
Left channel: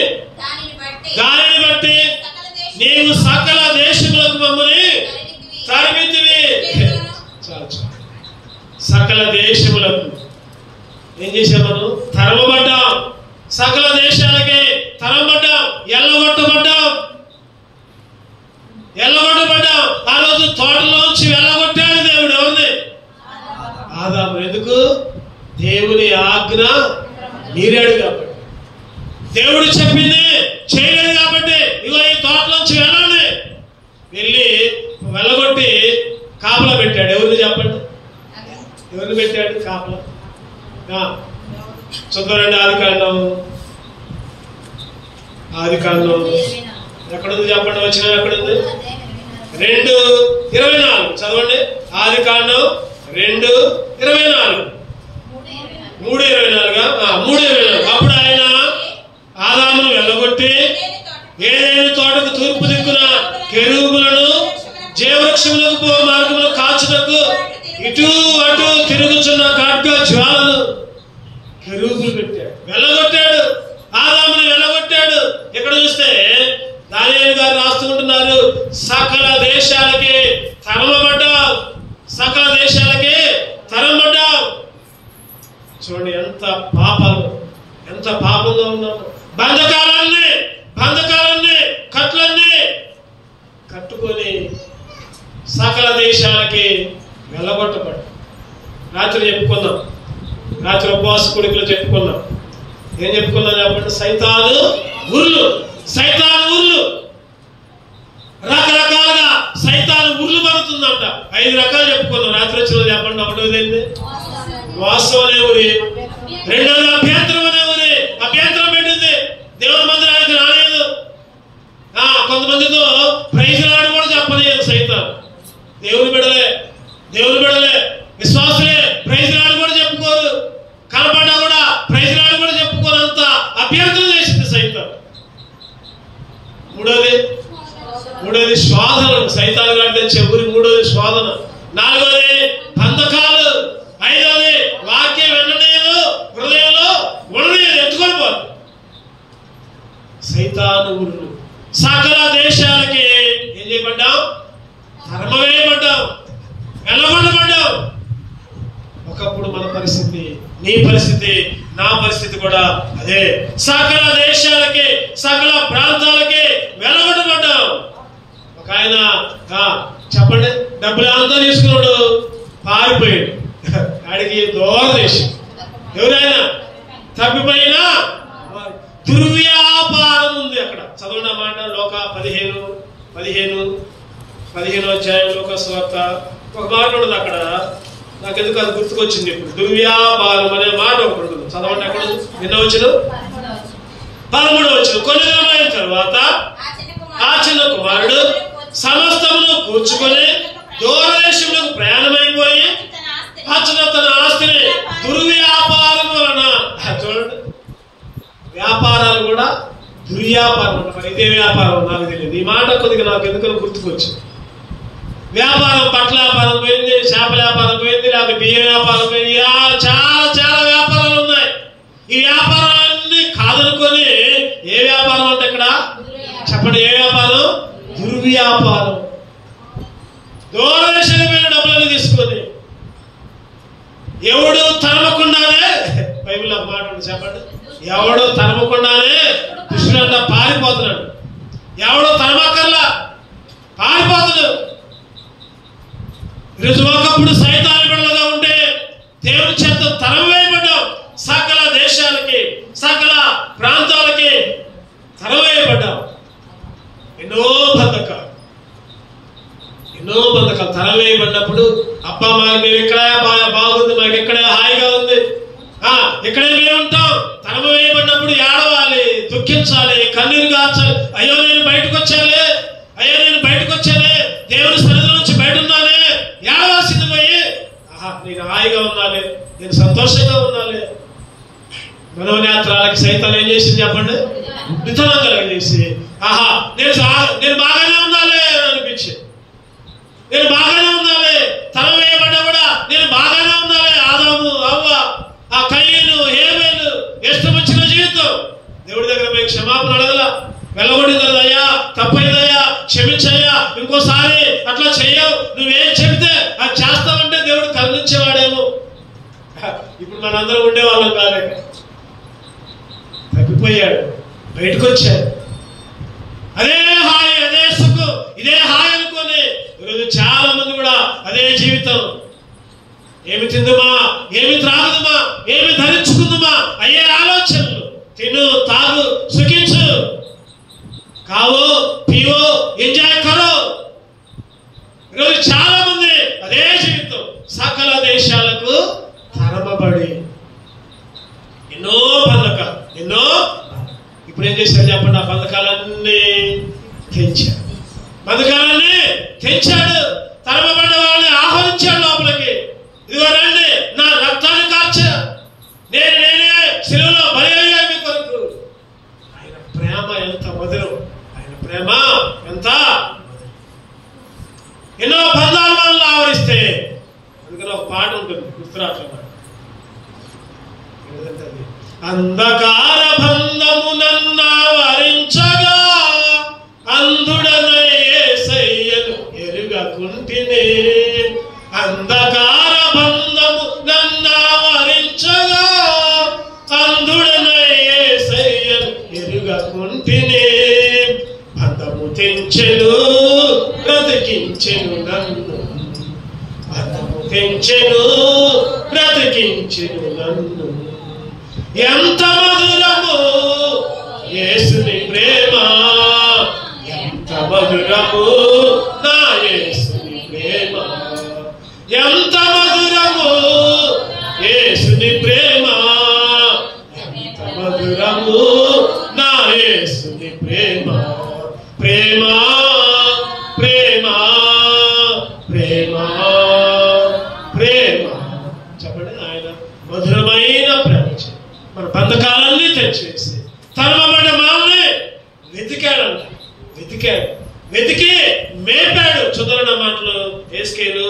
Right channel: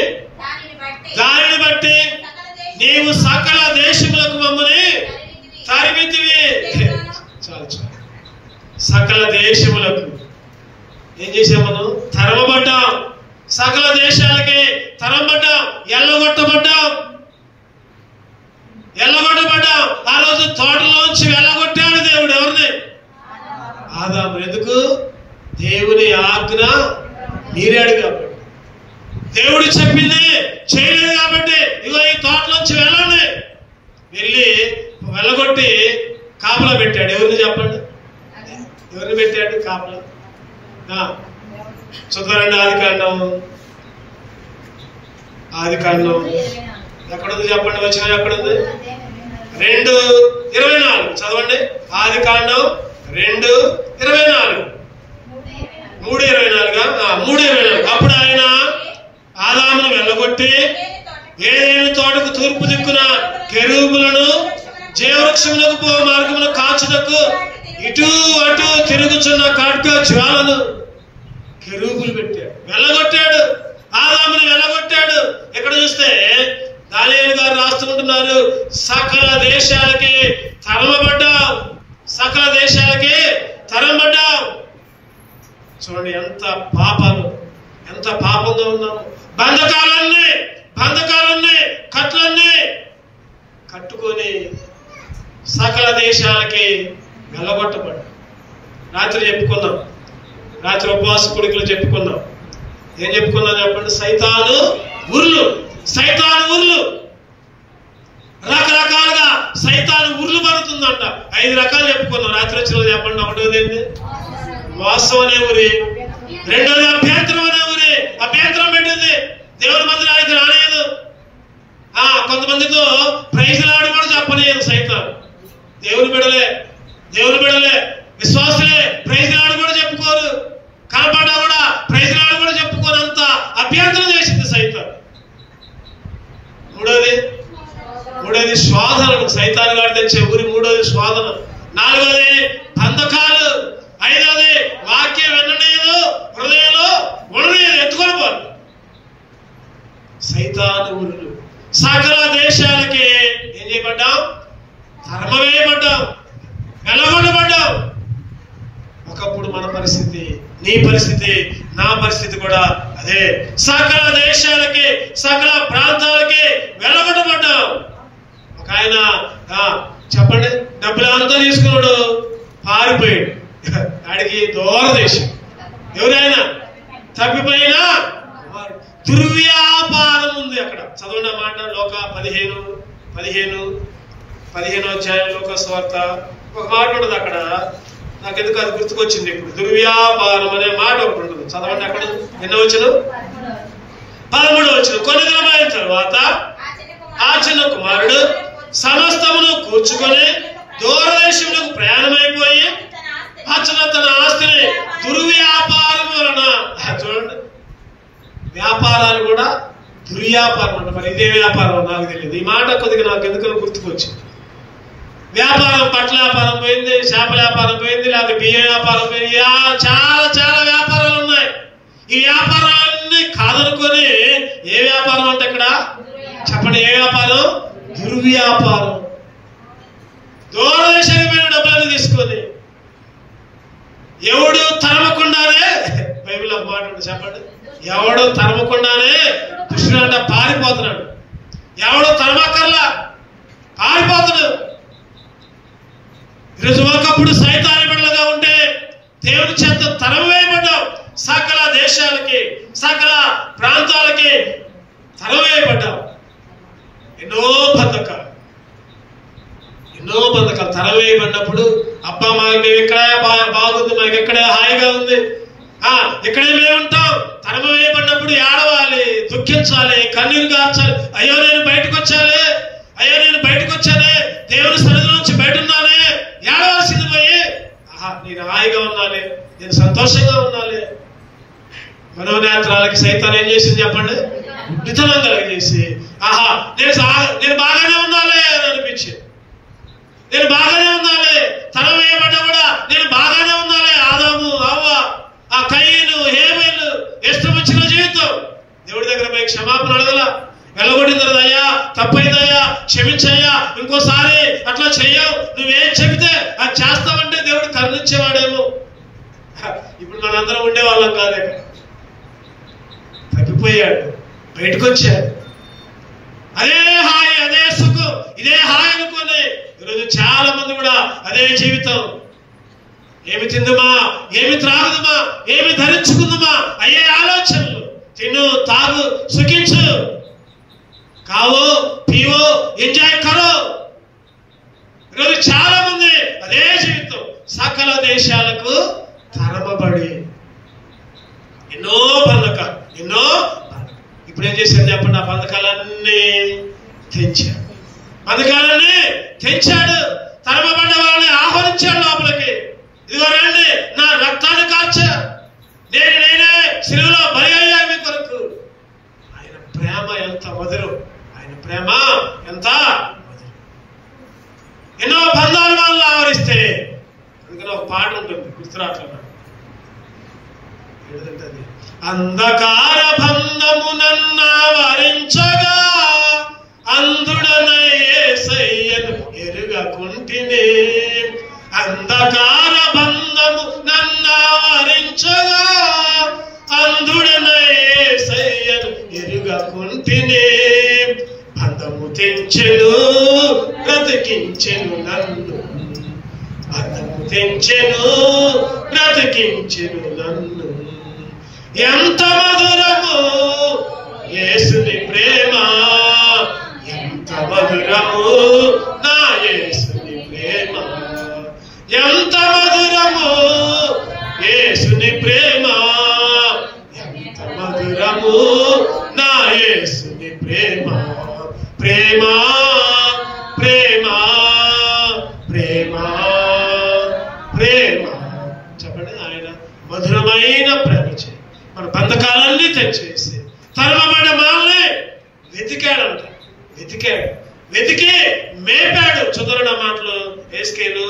దానిని బట్టి నీవు సకల దేశములకు మమ్మల్ని తరిమితివి. సకల దేశములకు ఏం చేసాం? మనం తరమబడ్డాం. సకల దేశాలకి తరమబడ్డాం, ఎల్లగొట్టబడ్డాం. ఆ రోజు తోటలోంచి వెళ్ళగొట్టాడు దేవుడు. ఎవరిని? ఆదాము. ఎందుకు? దేవుని ఆజ్ఞ మీరాడు కాబట్టి, దేవుడు చెప్పింది చేయలేదు కాబట్టి ఇగో ఈ తోటలోంచి వెళ్ళండి, వెళ్ళి వెళ్ళగొట్టి కాపలా పెట్టాడు. ఎవరిని చెప్పండి, ఎవరిని పెట్టాడు కాపలా? చదవండి ఆదికాండం ఎక్కడుంది చెప్పండి, వచ్చిన ఎక్కడుంది? 2:24 చదవండి. ఆదికాండం 2:24 3:24 అప్పుడు ఆయన ఆదామును వెళ్ళగొట్టి ఏదైనా తోటకు తూర్పు దిక్కున కెరూబులను జీవవృక్షములకు పో మార్గంలో కాచుటకు ఇటు అటు తిరుగుతున్న ఖడ్గ జ్వాలను కెరూబులు పెట్టాడు, వెళ్ళగొట్టాడు. ఆదామును వెళ్ళగొట్టాడు. ఇక్కడ చూస్తే దానియేలు గారు రాస్తుంటున్నారు, సకల దేశాలకి తరమబడ్డావు, సకల దేశాలకి తరమబడ్డావు. చూడండి ఎంత పాపాలు, ఎంత పాపంగా ఉన్నాము. బంధకాలన్నీ కట్లన్నీ కట్టుకొని సకల దేశాలకి వెళ్ళగొట్టబడ్డాం. రాత్రి చెప్పుకుందాం, రాత్రి ఉపవాస కొడుకులు చెప్పుకుందాం. ఏం చెప్పుకుందాం చెప్పండి? సైతాను ఉర్లు రకరకాలుగా సైతాను ఉర్లు పడుతుందంట. 5 రకాలు చెప్పుకున్నాం. రాత్రి వచ్చిన చెప్పండి. ఒకటోది ఏంటి? వాస్తవం అనే ఊరి. రెండోది అభ్యంతరం అనే ఊరి. అభ్యంతరం పెట్టింది, దేవుని మందిరానికి రాలేదు. కొంతమందితో ప్రైజులాడు కూడా చెప్పలేదు సైతాను. దేవుని బిడలే విశ్వాసులే ప్రైజులాడు కూడా చెప్పుకోరు, కనపడ్డా కూడా ప్రైజులాడు కూడా చెప్పుకోనంత అభ్యంతరం చేసింది సైతాను. మూడోది స్వాదన, సైతాను గారి తెచ్చే ఊరి. మూడోది స్వాదన. 4వది బంధకాలు. 5వది వాక్యం వినలేదు, హృదయంలో ఉండలేదు, ఎత్తుకొని పోరు. సైతాను ఊరులు. సకల దేశాలకి ఏం చేయబడ్డాం? ధర్మవేయబడ్డాం, వెళ్ళగొట్టబడ్డాం. ఒకప్పుడు మన పరిస్థితి, నీ పరిస్థితి, నా పరిస్థితి కూడా అదే. సకల దేశాలకి, సకల ప్రాంతాలకి వెళ్ళగొట్టబడ్డాం. ఒక ఆయన చెప్పండి, డబ్బులు అంతా తీసుకున్నాడు, పారిపోయాడు. ఆడికి దూరదేశం. ఎవరైనా తప్పిపోయినా దుర్వ్యాపారం ఉంది అక్కడ. చదవండి ఆ మాట. లోక 15 అధ్యాయం లోక సువార్త ఒక మాట ఉండదు అక్కడ. నాకు ఎందుకు అది గుర్తుకొచ్చింది ఇప్పుడు. దుర్వ్యాపారం అనే మాట ఒకటి ఉంటుంది. చదవండి అక్కడ. ఎన్నో వచ్చిన 13వ వచనం. కొన్ని దినములైన తర్వాత ఆ చిన్న కుమారుడు సమస్తమును కూర్చుకొని దూరదేశములకు ప్రయాణమైపోయి తన ఆస్తిని దుర్వ్యాపారం వలన. చూడండి, వ్యాపారాలు కూడా దుర్వ్యాపారం. మరి ఇదే వ్యాపారం నాకు తెలియదు. ఈ మాట కొద్దిగా నాకు ఎందుకని గుర్తుకొచ్చింది. వ్యాపారం, బట్టల వ్యాపారం పోయింది, చేపల వ్యాపారం పోయింది, లేకపోతే బియ్యం వ్యాపారం పోయింది. చాలా వ్యాపారాలు ఉన్నాయి. ఈ వ్యాపారాలన్నీ కాదనుకొని ఏ వ్యాపారం అంటే ఇక్కడ చెప్పండి, ఏ వ్యాపారం? దుర్వ్యాపారం. దూరదేశమైన డబ్బులను తీసుకొని ఎవడు తరమకుండానే, బైబిల్లో ఒక మాట ఉంది చెప్పండి, ఎవడు తరమకుండానే దుష్టుడంతా పారిపోతున్నాడు. ఎవడో తరమకల్లా పారిపోతున్నాడు. ఈరోజు ఒకప్పుడు సైతాను బిడ్డలుగా ఉంటే దేవుని చేత తరం వేయబడ్డాం. సకల దేశాలకి, సకల ప్రాంతాలకి తరం వేయబడ్డాం. ఎన్నో బంధకాలు తరం వేయబడినప్పుడు అబ్బా మాకు ఎక్కడే బాగుంది, మాకు ఎక్కడే హాయిగా ఉంది, ఇక్కడే మేము ఉంటాం. తరం వేయబడినప్పుడు ఏడవాలి, దుఃఖించాలి, కన్నీరు గార్చాలి. అయ్యో నేను బయటకు వచ్చానే, దేవుని సన్నిధి నుంచి బయట ఉన్నానే, ఏడవాల్సింది పోయి నేను హాయిగా ఉన్నాను, నేను సంతోషంగా ఉన్నాను. మనోనేత్రాలకి సైతాన్ని ఏం చేసింది చెప్పండి? నిధనం కలిగేసి నేను బాగానే ఉండాలి అని అనిపించింది. నేను బాగానే ఉండాలి, తరం వేయబడ్డా కూడా నేను బాగానే ఉండాలి. ఆదాము, అవ్వ, ఆ కయ్యను, హేబేలు ఇష్టం వచ్చిన జీవితం. దేవుడి దగ్గర పోయి క్షమాపణ అడగల. వెళ్ళగొట్టింది అయ్యా, తప్పైందయ్యా, క్షమించయ్యా, ఇంకోసారి అట్లా చెయ్యవు, నువ్వేం చెబితే అది చేస్తావంటే దేవుడు కరుణించేవాడేమో. ఇప్పుడు మనందరం ఉండేవాళ్ళం కాలేక తప్పిపోయాడు, బయటకు వచ్చాడు. అదే హాయి, అదే సుఖం, ఇదే హాయి అనుకోని ఈరోజు చాలా మంది కూడా అదే జీవితం. ఏమి తిందుమా, ఏమి త్రాగుదుమా, ఏమి ధరించుకుందుమా అయ్యే ఆలోచన. తిను, తాగు, సుఖించు, కావో, పీవో, ఎంజాయ్ కరో. ఈరోజు చాలా మంది అదే జీవితం, సకల దేశాలకు తరమబడి ఎన్నో బంధకాలు, ఎన్నో. ఇప్పుడు ఏం చేశాడు చెప్పండి? ఆ బంధకాలన్నీ తెంచాడు, బంధకాలన్నీ తెంచాడు. తరమబడ్డ వాళ్ళని ఆహ్వానించాడు లోపలికి. ఇదిగో రండి, నా రక్తాన్ని కార్చా, నేనే శిలువలో బలి అయ్యాను మీ కొరకు. ఆయన ప్రేమ ఎంత మధురం, ఆయన ప్రేమ ఎంత మధురం. ఎన్నో బంధాలు మనల్ని ఆవరిస్తే, అందుకని ఒక పాట ఉంటుంది, గుర్తురాట్లేదు. అంధకార బంధము నన్ను వరించగా, అంధుడనై యేసయ్యను ఎరుగకుంటినే. అంధకార బంధము నన్ను వరించగా, అంధుడనై యేసయ్యను ఎరుగకుంటినే. బంధము తెంచెను, బ్రతికించెను నన్ను. బంధము తెంచెను, బ్రతికించెను నన్ను. ఎంత మధురము యేసుని ప్రేమ, ఎంత మధురము నా యేసుని ప్రేమ. ఎంత మధురము యేసుని ప్రేమ, ఎంత మధురము నా యేసుని ప్రేమ. ప్రేమ ప్రేమ ప్రేమ ప్రేమ. చెప్పండి, ఆయన మధురమైన ప్రేమ మన బంధకాలన్నీ తెచ్చివేసి తరమబడ్డ మనల్ని వెతికాడంట. వెతికి మేపాడు. చదువున్న మాటలు ఏస్కేలు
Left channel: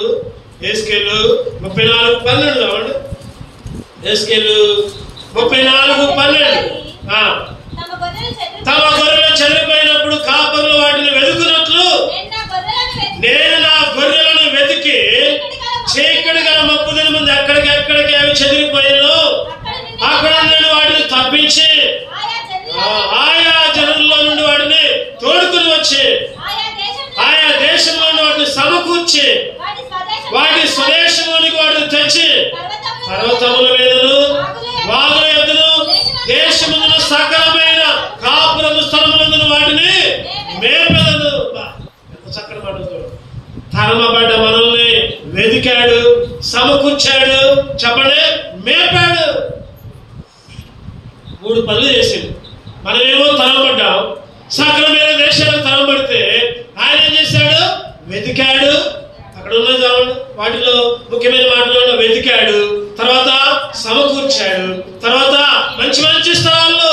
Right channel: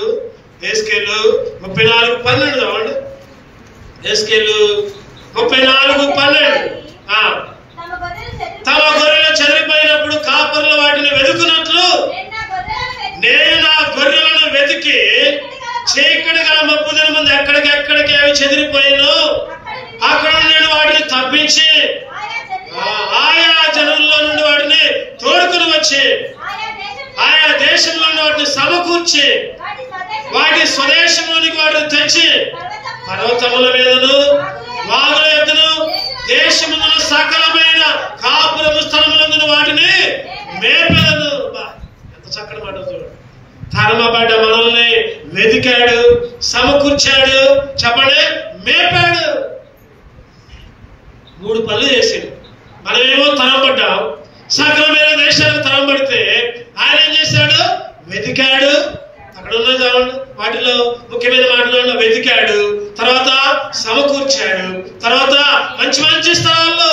34:12 చదవండి. ఏస్కేలు 34:12. తమ గొర్రెలు చెదిరిపోయినప్పుడు కాపరులు వాటిని వెతుకున్నట్లు నేను నా గొర్రెలను వెతికి చీకటి గల ముప్పు దినముందు ఎక్కడికి అవి చెదిరిపోయినో అక్కడ నేను వాటిని తప్పించి ఆయా జనుల్లో నుండి వాటిని తోడుకుని వచ్చి ఆయా దేశంలో వాటిని సమకూర్చి వాటి స్వదేశంలోనికి వాటిని తెచ్చి పర్వతముల మీదను వాగుల ఎద్దును దేశమును సకలమైన కాపురము స్థలములందును వాటిని మేపెదను. ఎంత చక్కటి మాట చూడు. తరమబడ్డ మనల్ని వెతికాడు, సమకూర్చాడు, చెప్పండి, మేపాడు. 3 పనులు చేసిండు. మనమేమో తరమబడ్డాం, సకలమైన దేశాలకు తరమబడితే ఆయన ఏం చేశాడు? వెతికాడు. అక్కడ ఉన్నది వాటిలో ముఖ్యమైన మాటలు వెతికాడు, తర్వాత సమకూర్చాడు, తర్వాత మంచి మంచి స్థలాల్లో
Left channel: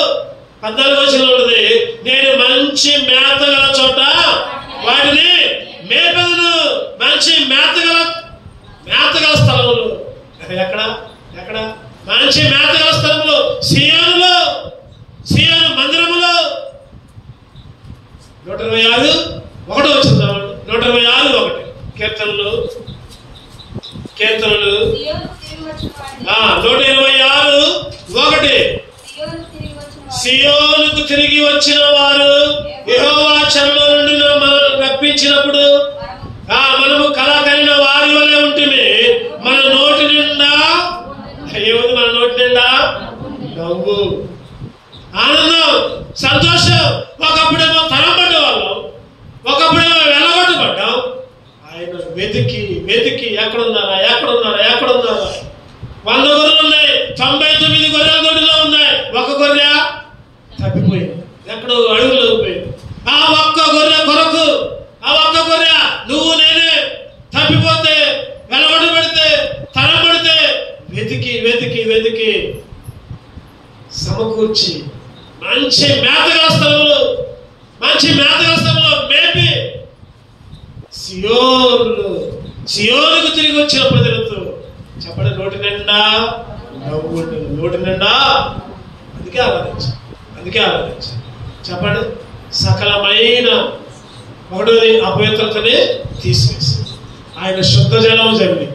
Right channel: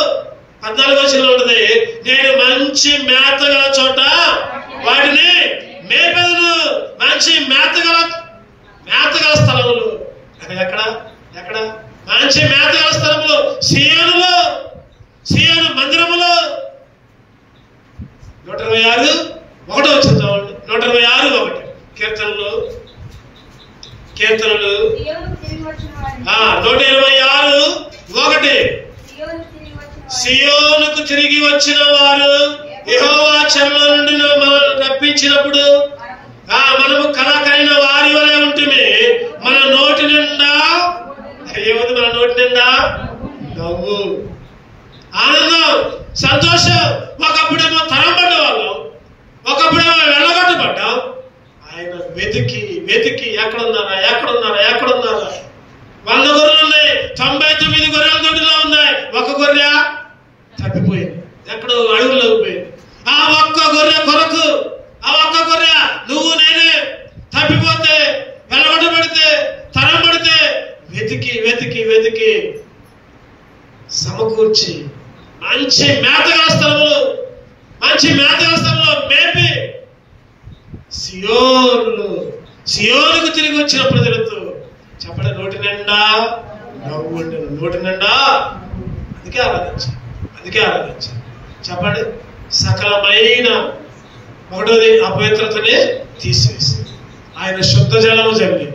14వ వచనంలో ఉంటుంది, నేను మంచి మేత గల చోట వాటిని మేపెదను. మంచి మేతగల స్థలములు. ఎక్కడ మంచి మేతగల స్థలములు? సియోనులో, సియోను మందిరములో. 126 1 వచ్చింది. 126 1 కీర్తనలు 126 1. సియోనుకు తిరిగి వచ్చిన వారు యెహోవా చెరలో నుండి మనల్ని రప్పించినప్పుడు మనము కలకలిన వారి వలె ఉంటుంది. మన నోటి నిండా ఏముంది? మన నోటి నిండా నవ్వు, ఆనందం, సంతోషం. ఒకప్పుడేమో తరమబడ్డ వాళ్ళం, ఒకప్పుడేమో వెళ్ళగొట్టబడ్డాం. ఆయన వెతికి ఎక్కడున్నారా 100 గొర్రెలు ఉన్నాయి, 99 గొర్రెల దొడ్డిలో ఉన్నాయి. ఒక గొర్రె తప్పిపోయింది, ఎక్కడో అడుగులో పోయింది. ఆ ఒక్క గొర్రె కొరకు, ఆ ఒక్క గొర్రె నువ్వు నేనే తప్పిపోతే, వెలగొట్టబడితే, తరమబడితే వెతికి సమకూర్చి మంచి మేతగా స్థలంలో మేపి సియోనుకు తిరిగి వచ్చిన ప్రజలతో చెప్పండి, నోటి నిండా అందుకే ఆరాధించు. చెప్పండి, సకలమైన ఒకటోది అపవిత్రతని తీసివేసి ఆయన శుద్ధ జలం జల్లి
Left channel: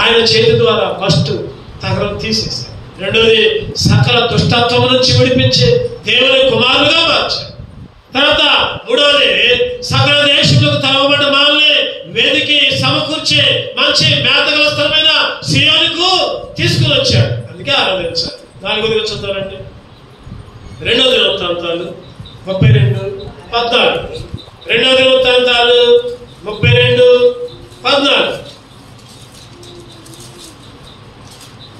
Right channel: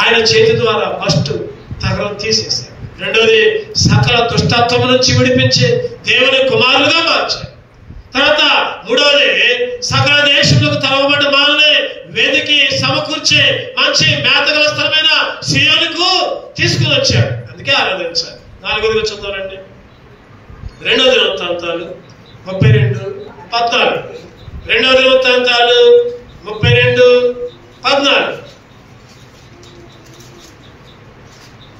ఆయన చేతి ద్వారా ఫస్ట్ తగరం తీసేశారు. రెండోది సకల దుష్టత్వం నుంచి విడిపించి దేవుని కుమారులుగా మార్చారు. తర్వాత మూడోది సకల దేశంలోకి తరమబడ్డ మనల్ని వెతికి సమకూర్చి మంచి మేతగల స్థలమైన సియోనుకు తీసుకుని వచ్చాడు. అందుకే ఆరాధించారు. 4వ చదవండి. రెండవ దినవృత్తాంతాలు 32:14. రెండవ దినవృత్తాంతాలు 32:14.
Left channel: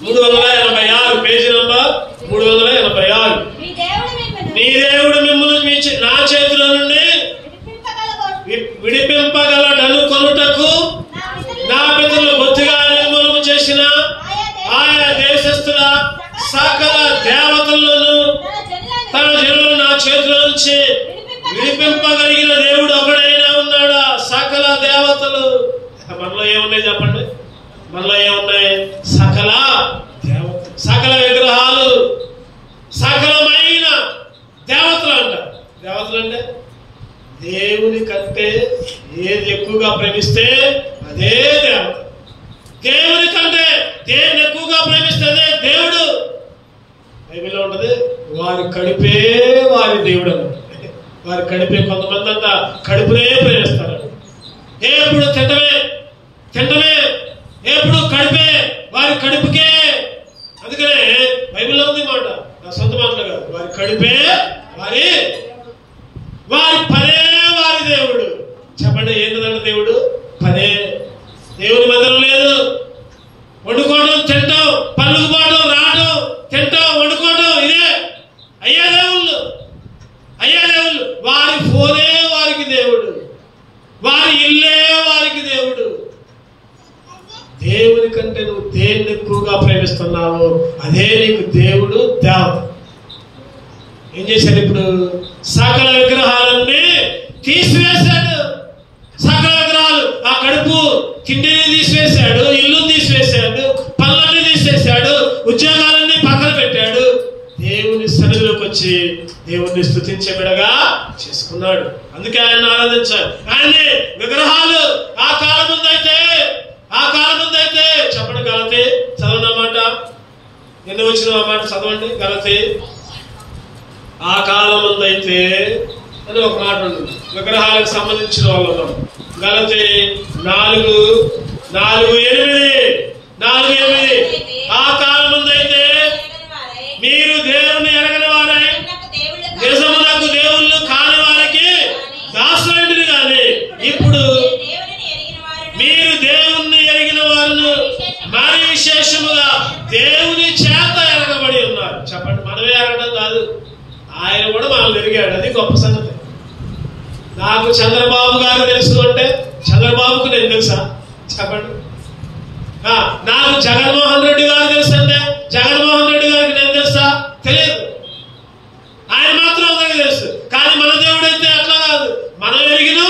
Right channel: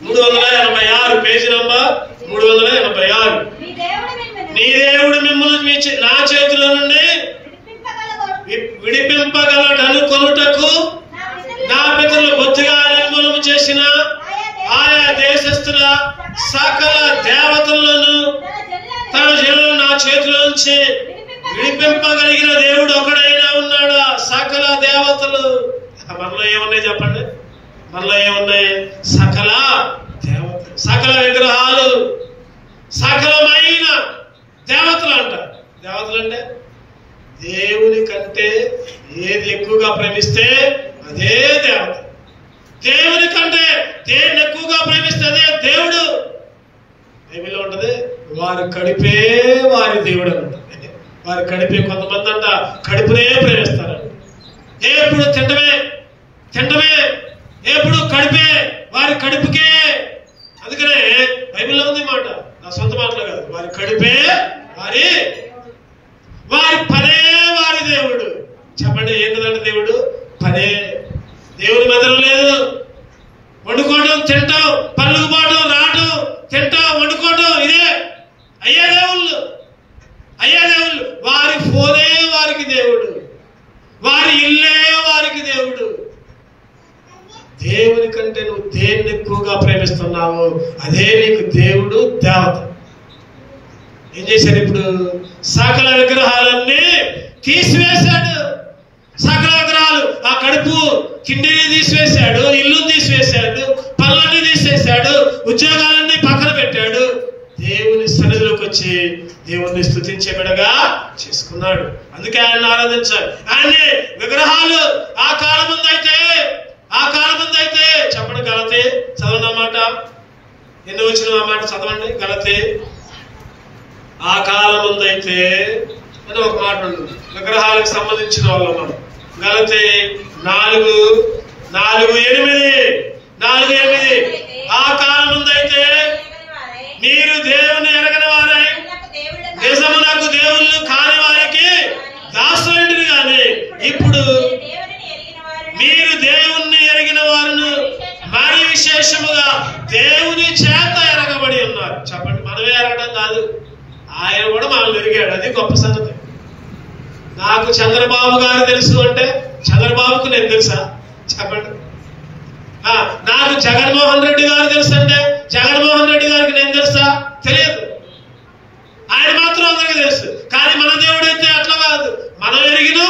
386 పేజీ నంబర్ 386. నీ దేవుడు మిమ్మల్ని నా చేతిలో నుండి విడిపింపగలడనుకొనుటకు నా పితరులు బొత్తిగా నిర్మూలన చేసిన ఆయా దేశస్థుల సకల దేవతలను తన జనులను నా చేతిలో నుంచి విడిపింపగలిగిన దేవుడు ఒకడైనా ఉన్నాడా? సకల దేవతలు. మనలో ఏమున్నాయి చెప్పండి? మనలో ఏమున్నాయి? సకల దేవతలు, సకల విగ్రహాలు, సకలమైన దేవతలు అంటారు. దేవతలు అంటే దేవుని కంటే ఏది ఎక్కువగా ప్రేమిస్తే అదే దేవత. దేవుని కంటే దేన్ని ఎక్కువగా ప్రేమిస్తే అదే దేవుడు. బైబిల్లో ఉంటది, వారు కడిపే వారి దేవుడు అంట. వారు కడిపే. కొంతమంది అంట కడుపునే ప్రేమిస్తారు. ఎప్పుడు తింటమే తింటమే, ఎప్పుడు కడిపే, వారి కడుపుకే. అందుకనే బైబిల్లో ఉంది మాట, నా సొంత మాటలు కాదు. వారి కడిపే వారి పనే వారి దేవుడు. చెప్పండి, ఏంటంటే దేవుడు పనే. దేవుని మందిరం లేదు. వండుకోవడం, తింటాం, పళ్ళుకు పోవడం, రావడం, తింటాం, వండుకోవడం, ఇదే అయ్యా దేవుళ్ళు. అయ్యా దేవుళ్ళు. వారి ఫోనే వారికి దేవుడు, వారి ఇల్లే వారికి దేవుడు. దేవుని కంటే నువ్వు దేన్ని ఎక్కువగా ప్రేమిస్తున్నావు అదే నీకు దేవుడు, దేవత. ఏం చేశాడు? ఇప్పుడు సకల విగ్రహాలన్నీ తీసివేశాడు. సకల విగ్రహాలు, ఆ కడుపు తిండిని తీసివేశాడు, ఇల్లు తీసివేశాడు, పనులన్నీ తీసేశాడు, ఉద్యోగాలన్నీ పక్కన పెట్టాడు. దేవుని సన్నిధిలోకి వచ్చి దేవుణ్ణి స్తుతించే బిడ్డగా చేసుకున్నాడు. అందుకే ఆయన ఆరాధించాడు. ఆయన్ని విగ్రహాలు ఆ కాలం ముందైతే చెప్పండి, గలతీ చదవనమాట. ఎన్ని వచ్చిన మాట చదవండి. గలతీ ఆ కాలం ముందైతే అని ఒక మాట ఉంటుంది. విగ్రహాలకు సంబంధించిన వాళ్ళు మనం. గలతీ 4:8 ఆ కాలం ముందైతే మీరు దేవుణ్ణి ఎరగని వారై నిజమునకు దేవుళ్ళు కాని వారికి దాసులంటిని కానీ ఇప్పుడు మీరు దేవుణ్ణి ఎరిగిన వారు మరి విశేషముగా దేవుని చేత ఎరగబడి ఉన్నారు. చెప్పండి, మనమే ఎరగడం కాదు, ఆయన కూడా మనల్ని ఎరిగాడు. అది గొప్ప సంగతి. నాకు చంద్రబాబు గారు తెలుసు అంటే చంద్రబాబుకు నేను తెలుసా? చెప్పండి. నాకు జగన్మోహన్ రెడ్డి గారు తెలుసు అంటే జగన్మోహన్ రెడ్డి గారికి నేను తెలుసా? తెలియదు. ఆయన మాత్రం అందరికీ తెలుసు. కానీ మన దేవుడు అయితే అట్లా కాదు. మనం ఎరిగిన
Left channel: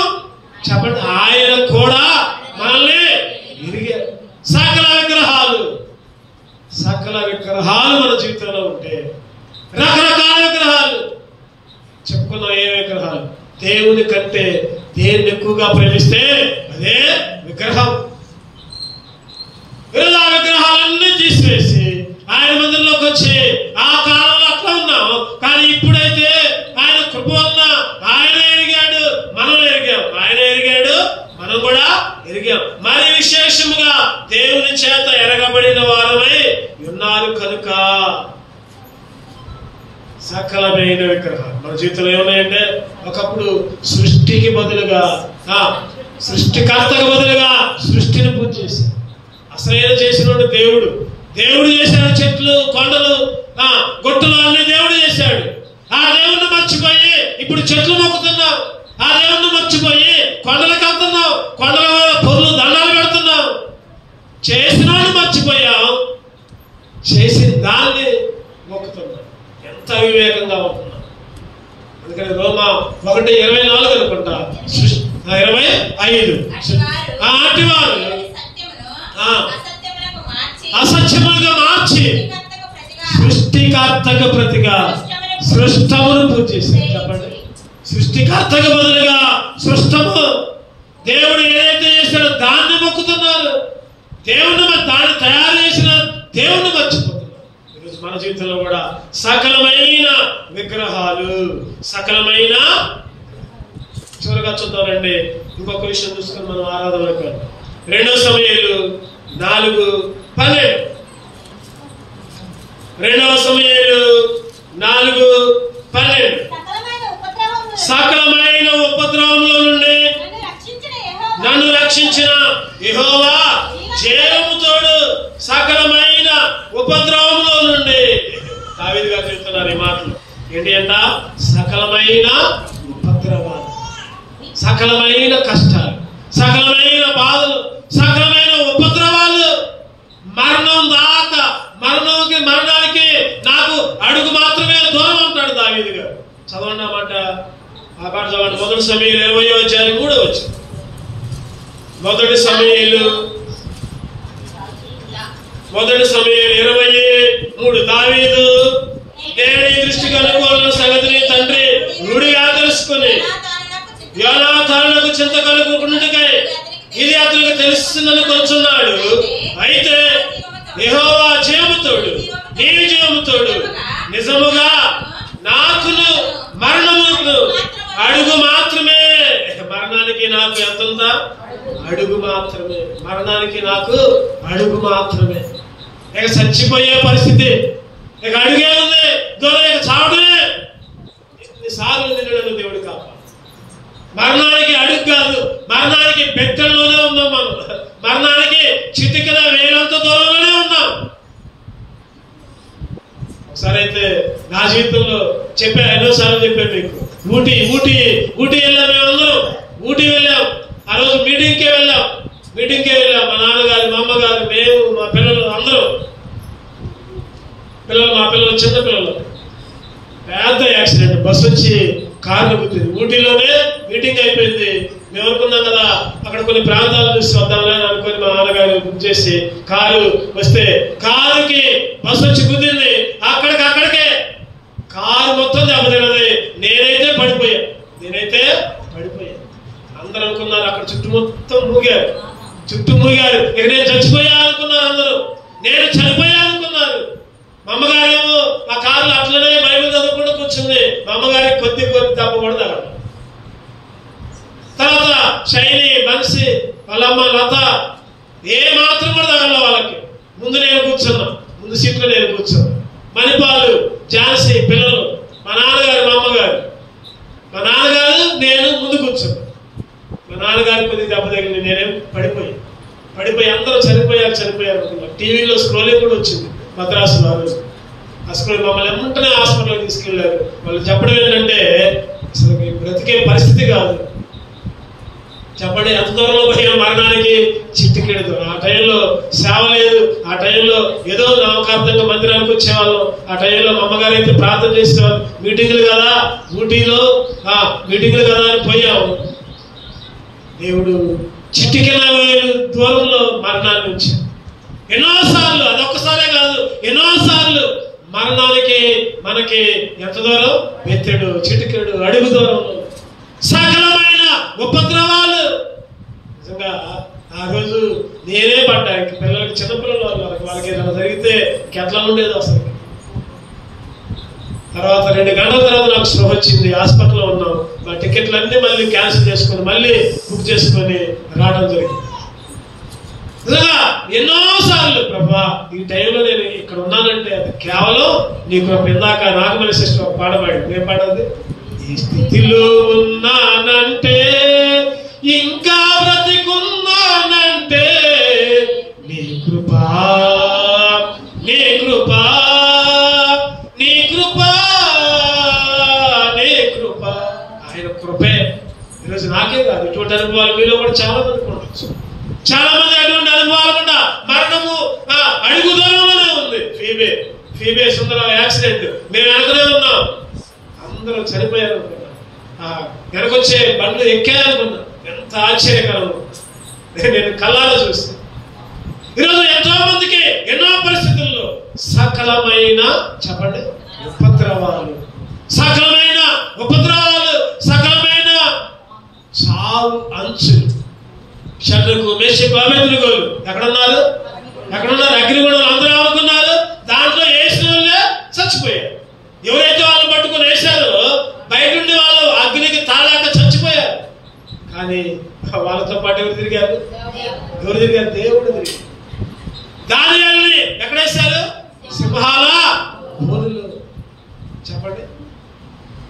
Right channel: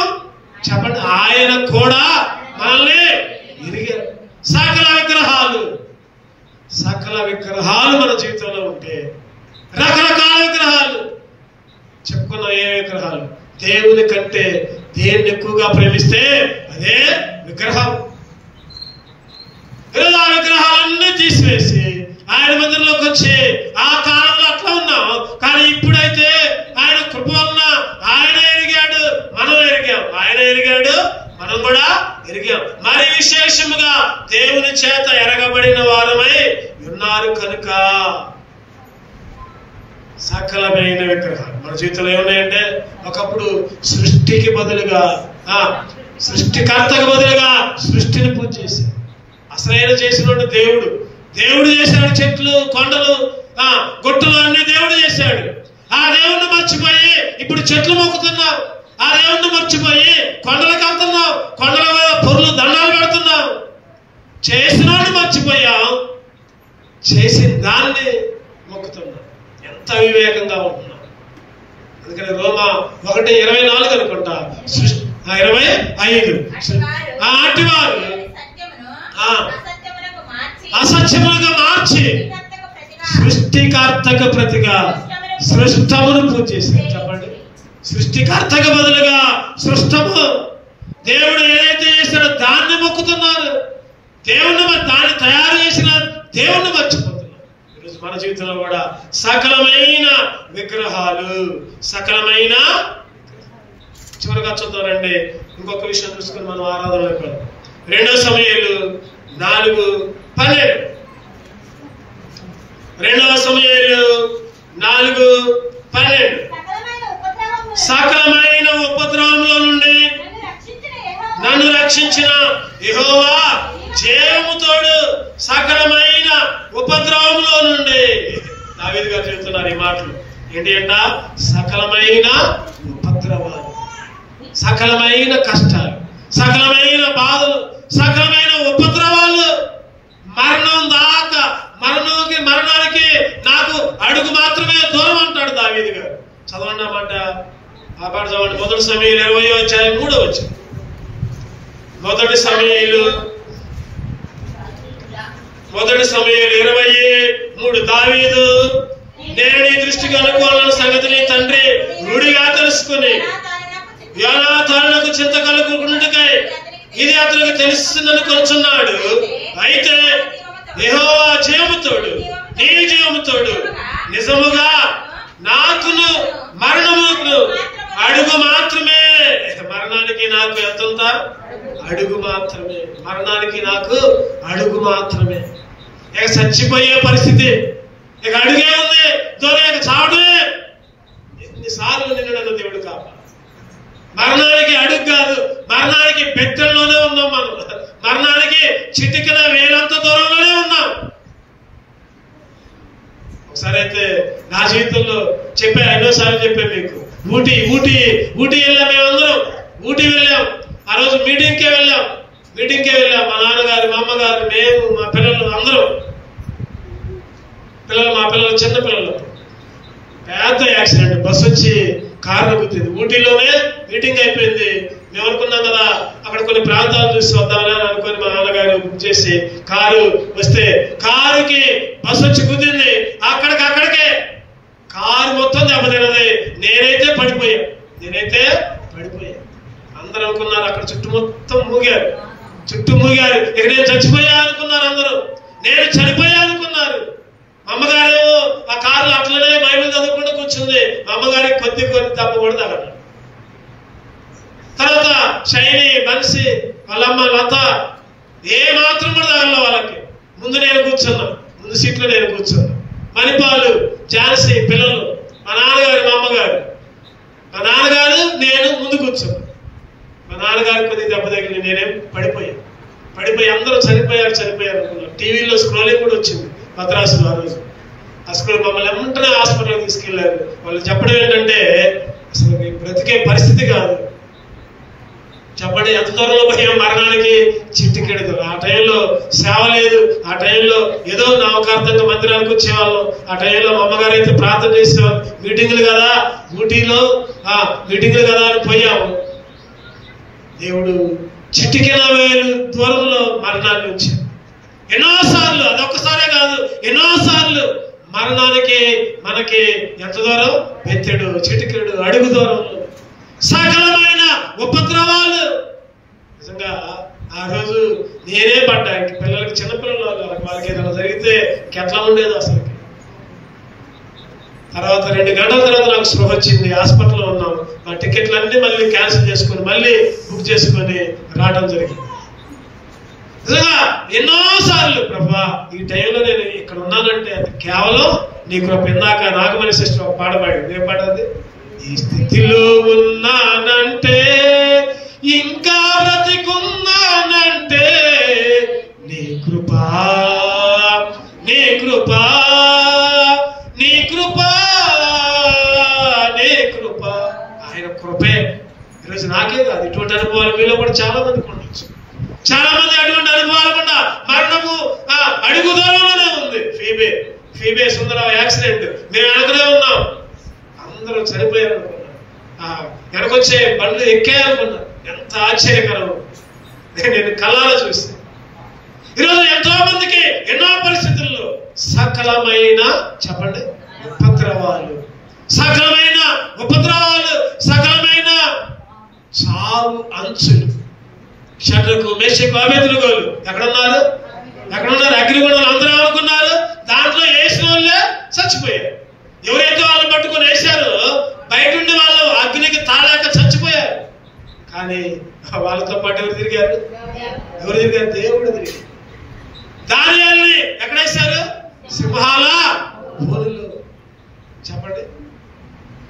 చెప్పండి, ఆయన కూడా మనల్ని ఎరిగారు. సకల విగ్రహాలు మన జీవితంలో ఉంటే, రకరకాల విగ్రహాలు చెప్పుకున్నాం. ఏ విగ్రహాలు? దేవుని కంటే దేన్ని ఎక్కువగా ప్రేమిస్తే అదే విగ్రహం. ఆ విగ్రహాలన్నీ తీసివేసి ఆయన మందిరంలోకి వచ్చి ఆ కాలంలో అట్లా ఉన్నాం. కానీ ఇప్పుడైతే ఆయన కృప ఉన్న ఆయన ఎరిగాడు, మనం ఎరిగాం. ఆయన ఎరిగాడు, మనం కూడా ఎరిగాం. మరి విశేషముగా దేవుని చేత ఎరగబడిన వారమై ఉన్నారు కనుక సకలమైన విగ్రహాలు మన జీవితంలో ఏమున్నాయంటే, ఒకప్పుడు సృష్టికి బదులుగా సృష్టికర్తకు బదులుగా సృష్టిని పూజ చేశారు. అసలైన చేసిన దేవుడు. దేవుడు చేశాడు. చెట్లు, కొండలు, గుట్టలు అన్ని దేవుడు చేశాడు. ఆ దేవుణ్ణి మర్చిపోయి ఇప్పుడు చెట్లు మొక్కుతున్నాం. ఆ దేవుణ్ణి మర్చిపోయి కొండలకు వెళ్తున్నాం. కొండల పొర్లు దండాలు పెడుతున్నాం. చేసినాడు మర్చిపోయాం, చేసిన దాన్ని మొక్కుతున్నాం. ఎంత అవివేకంగా ఉంటున్నాం. అందుకని రోమా 1:24 అనుకుంటా, 25 అటువారు అసత్యములుగా మార్చి సృష్టికర్తకు ప్రతిగా సృష్టమును పూజ చేశారు. చెప్పండి, సృష్టికర్తకు బదులుగా సృష్టము. దేవుడు ఏదైతే చేశాడో దాన్ని మొక్కుతున్నారు. దాన్ని తయారు చేసిన దేవుణ్ణి మర్చిపోతున్నారు. ఈరోజు మన జీవితంలో కూడా సకలమైన విగ్రహాలు, సకలమైన. చివరిగా చూద్దామండి, ఇంకొక విషయం చూసుకుని మనం ఆరాధనకు 2 సమూయేలు 4:12. 2 సమూయేలు 4:12. సకలమైన ఉపద్రవంలో నుండి నన్ను రక్షించిన యెహోవా జయముతోడు సకలమైన ఉపద్రవంలో నుండి. దావీదు గారు చెప్తున్నారు ఈ మాటలు ఏంటి అంట? సకలమైన ఉపద్రవాలు, సకలమైన కష్టాలు, సకలమైన బాధలు, సకలమైన ఉపద్రవాలు, మరణం దాకా మరణానికి నాకు అడుగు మాత్రమే దూరం అంటాడు దావీదు గారు. చదవండి అన్నమాట. ఆ పాట చదవండి. 1 సమూయేలు 20:3 1 సమూయేలు 23 దావీదు నేడు ఈ దృష్టికి అనుకూలమైన సంగతిని తండ్రి నుడిగా తెలుసుకుని యోనాతానునకు చింత కలుగుకుంటుకై ఇది అతనికి తెలుస్తుందని కొంచున్నాడు. అయితే యెహోవా జయముతోడు, నీ జయముతోడు నిజముగా నాకును మరణమును అడుగు మాత్రమే. మరణానికి నాకు ఎంత ఉందా? అడుగు మాత్రమే. మరణానికి నాకు అడుగు మాత్రమే. ఇక చచ్చిపోయే పరిస్థితి, ఇక అడుగే ఉంది, దూరం ఇక చావడే. ఎన్నిసార్లు నిన్నడను దేవుడు కాపా. మరణానికి అడుగు కాదు, మరణానికి బెత్తల్లోనే ఉన్నాం మనం. మరణానికి చిటికిన వేలంత దూరంలోనే ఉన్నాం. ఒకసారి అయితే నా జీవితంలో చెప్పా, ఎన్నోసార్లు చెప్పాను మీకు. ఊటీ వెళ్ళాం, మేమందరం ఊటీ వెళ్ళాం. ఆ రోజు మీటింగ్కే వెళ్ళాం. మా నాన్నగారు, మా అమ్మగారు, మేము, మా పిల్లలు అందరూ. మా పిల్లలు చిన్న పిల్లలు. పెద్ద యాక్సిడెంట్, బస్సు వచ్చి కారు గుద్దింది. ఊటీలోనే మీటింగ్ అయిపోయింది. మేము అనుకున్నాం కదా అక్కడ కొన్ని ప్రాంతాలు చూసి వద్దామని అనుకుని మా నాన్నగారు బుక్ చేసి కారు వస్తే కారుకి బస్సు వచ్చి గుద్దింది. అక్కడికే కారు మొత్తం దెబ్బతిన్నది. నేనైతే పడిపోయా. అందరూ అనుకున్నారు, అక్కడ చుట్టూ మొత్తం మూగారు. ఇక నేను చచ్చిపోయా అనుకున్నారు అందరూ. నేను చనిపోయా అనుకున్నారు. మా అమ్మగారు ఆ కారులో అట్లనే బైబిల్ చదువుకుంటూ కూర్చుంది. మా అమ్మగారికి కొద్ది దెబ్బ కూడా తగలదు. తర్వాత శైలి, బన్సి, వాళ్ళమ్మ లత ఏ మాత్రం కూడా తగల వాళ్ళకి. ముందు సీట్లో నేను కూర్చున్నా. మణిపాలు, ఝాన్సీ పిల్లలు, మా నాన్నగారు, మా అమ్మగారు. మా నాన్నగారు నేను ముందు కూర్చున్నా. మా నాన్నగారికి కొద్ది దెబ్బ తగిలి నేనేం పడిపోయి అందరూ చనిపోయారు అనుకున్నాను. టీవీలో స్క్రోలింగ్ కూడా వచ్చింది మద్రాసులో. ఆ రోజు అసలు మమ్మల్ని వెంటనే హాస్పిటల్కి తీసుకెళ్లారు. వాళ్ళు చెప్పడం ఏంటంటే అసలు బ్రతికే పరిస్థితి కాదు. చెప్పండి, ఎంత దూరంలో పోయాం మరణానికి? చిట్టికెడదు. ఆ టైంలో సేవ లేదు. ఆ టైంలో ఏదో నవకార్థంగా మందిరానికి వచ్చేవాళ్ళం. ఆ టైంలో మా అమ్మగారు అయితే ప్రార్థన చేసేవాళ్ళు. మీటింగ్లు కదా, ఊటీలో మీటింగ్లు కదా అని పోయాము. దేవుడు చిట్టికిన వేలు దూరంలో మరణాన్ని ఉంచాడు. ఎన్నోసార్లు, అదొక్కసారే కాదు, ఎన్నోసార్లు మరణానికి మనకి ఎంత దూరం? బెత్తెడు, చిటికెడు అడుగు దూరంలో సకలమైన ఉపద్రవాలు. నిజంగా ఆ రోజు నేనే పడ్డా. పిల్లలకి, చిన్నపిల్లలు వాళ్ళకి ఏదైనా జరిగితే ఎట్లా ఉండేది అసలు. తర్వాత 2 గంటల తర్వాత నాకు స్పృహ వచ్చింది. హాస్పిటల్లో ఉన్నాం. మా టికెట్లు అన్నీ మళ్ళీ క్యాన్సిల్ చేసుకుని మళ్ళీ బుక్ చేసుకొని రావడం జరిగింది. నిజంగా ఎన్నోసార్లు ప్రభువా ఈ టైంలో నేను ఇక్కడ ఉన్నానంటే అది కేవలం నీ కృప. ఇందాక నాగమణి సిస్టర్ ఒక పాట పాడాడు. ఏం పాట అది? ఈ స్థితిలో ఉన్నానంటే, ఇంకా బ్రతికున్నానంటే నీ కృపా, నీ కృపా, నీ కృపా, నీ కృప. ఆయన కృపే. ఈరోజు నాకే కాదు, ఇటువంటి అనుభవాలు మీలో కూడా చాలా మందికి ఉండొచ్చు. చాలా మంది అటువంటి అనుభవాలు కూడా మరణము అడుగు దూరంలోనే ఉంది. ఫీబే సుందర యాక్సిడెంట్ మేము వెనకనే ఉన్నాం. అందరూ చనిపోయారు అనుకున్నాం. వెనకొచ్చే బండ్లు ఎక్కాయనుకున్నాం. ఎంత ఆశ్చర్యకరం నేను కళ్ళారా చూస్తాను. ఈరోజు ఎంతో మందికి ఎన్నో పరిస్థితుల్లో సకలమైన, చెప్పండి, ఉపద్రవాలు, సకలమైన చావు అంచులు. షడ్రకు, మేషకు, అబేద్నెగోలు ఎక్కడున్నారు? అగ్నిగుణాలు అందరూ అనుకున్నారు. దాంట్లో వేసిన వాళ్ళే చచ్చిపోయారు. ఎవరైతే వాళ్ళని పట్టుకొని వేశారో బయట ఉండి వాళ్ళు అగ్నికి తాళాక చచ్చిపోయారు. కానీ వాళ్ళతో పాటు ఎవరు తిరిగారు? దేవుడు తిరిగారు. దానియేలుని ఎక్కడేశారు? సింహాల బోనులో. చెప్పండి,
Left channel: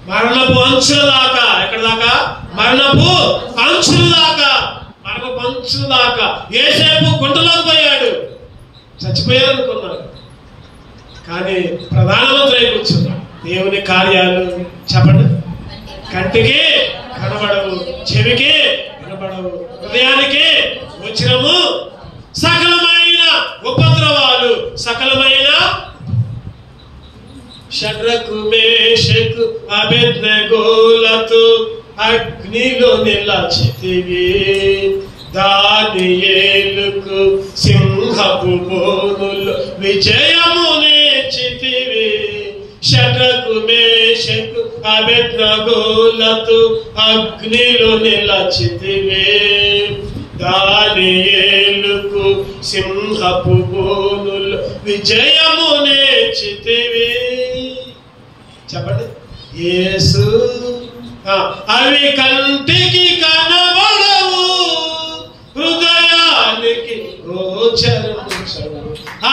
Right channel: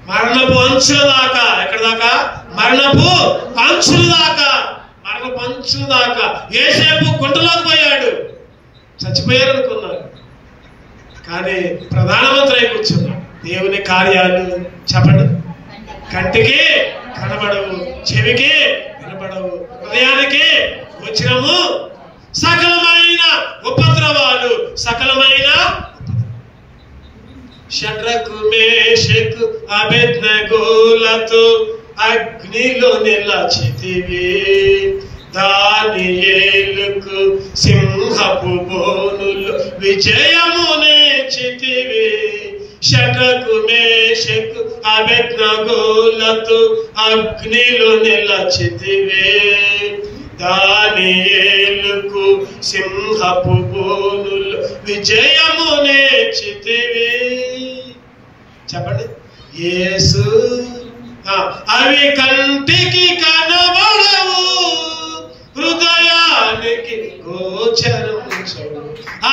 మరణపు అంచుల దాకా. ఎక్కడ దాకా? మరణపు అంచుల దాకా. మరణపు అంచుల దాకా. యేసేపు గుంటలోకి పోయాడు, చచ్చిపోయారు అనుకున్నారు. కానీ ప్రధానమంత్రి అయి కూర్చున్నాడు. దేవుని కార్యాలు చెప్పండి, కంటికి కనబడవు, చెవికి వినపడవు, హృదయానికి వచ్చినము సకలమైన ఉపద్రవాలు, సకలమైన షడ్రకు మేషకు అబేద్నెగోలతో అగ్నిలో నిలచితివి, దానియేలుకు సింహపు బోనులు విజయమునేచితివి. షడ్రకు మేషకు అబేద్నెగోలతో అగ్నిలో నిలచితివి, దానియేలుకు సింహపు బోనులు విజయమునేచితివి. చెప్పండి. యేసు అవి కంటికి కనబడవు, హృదయానికి గోచరించవు.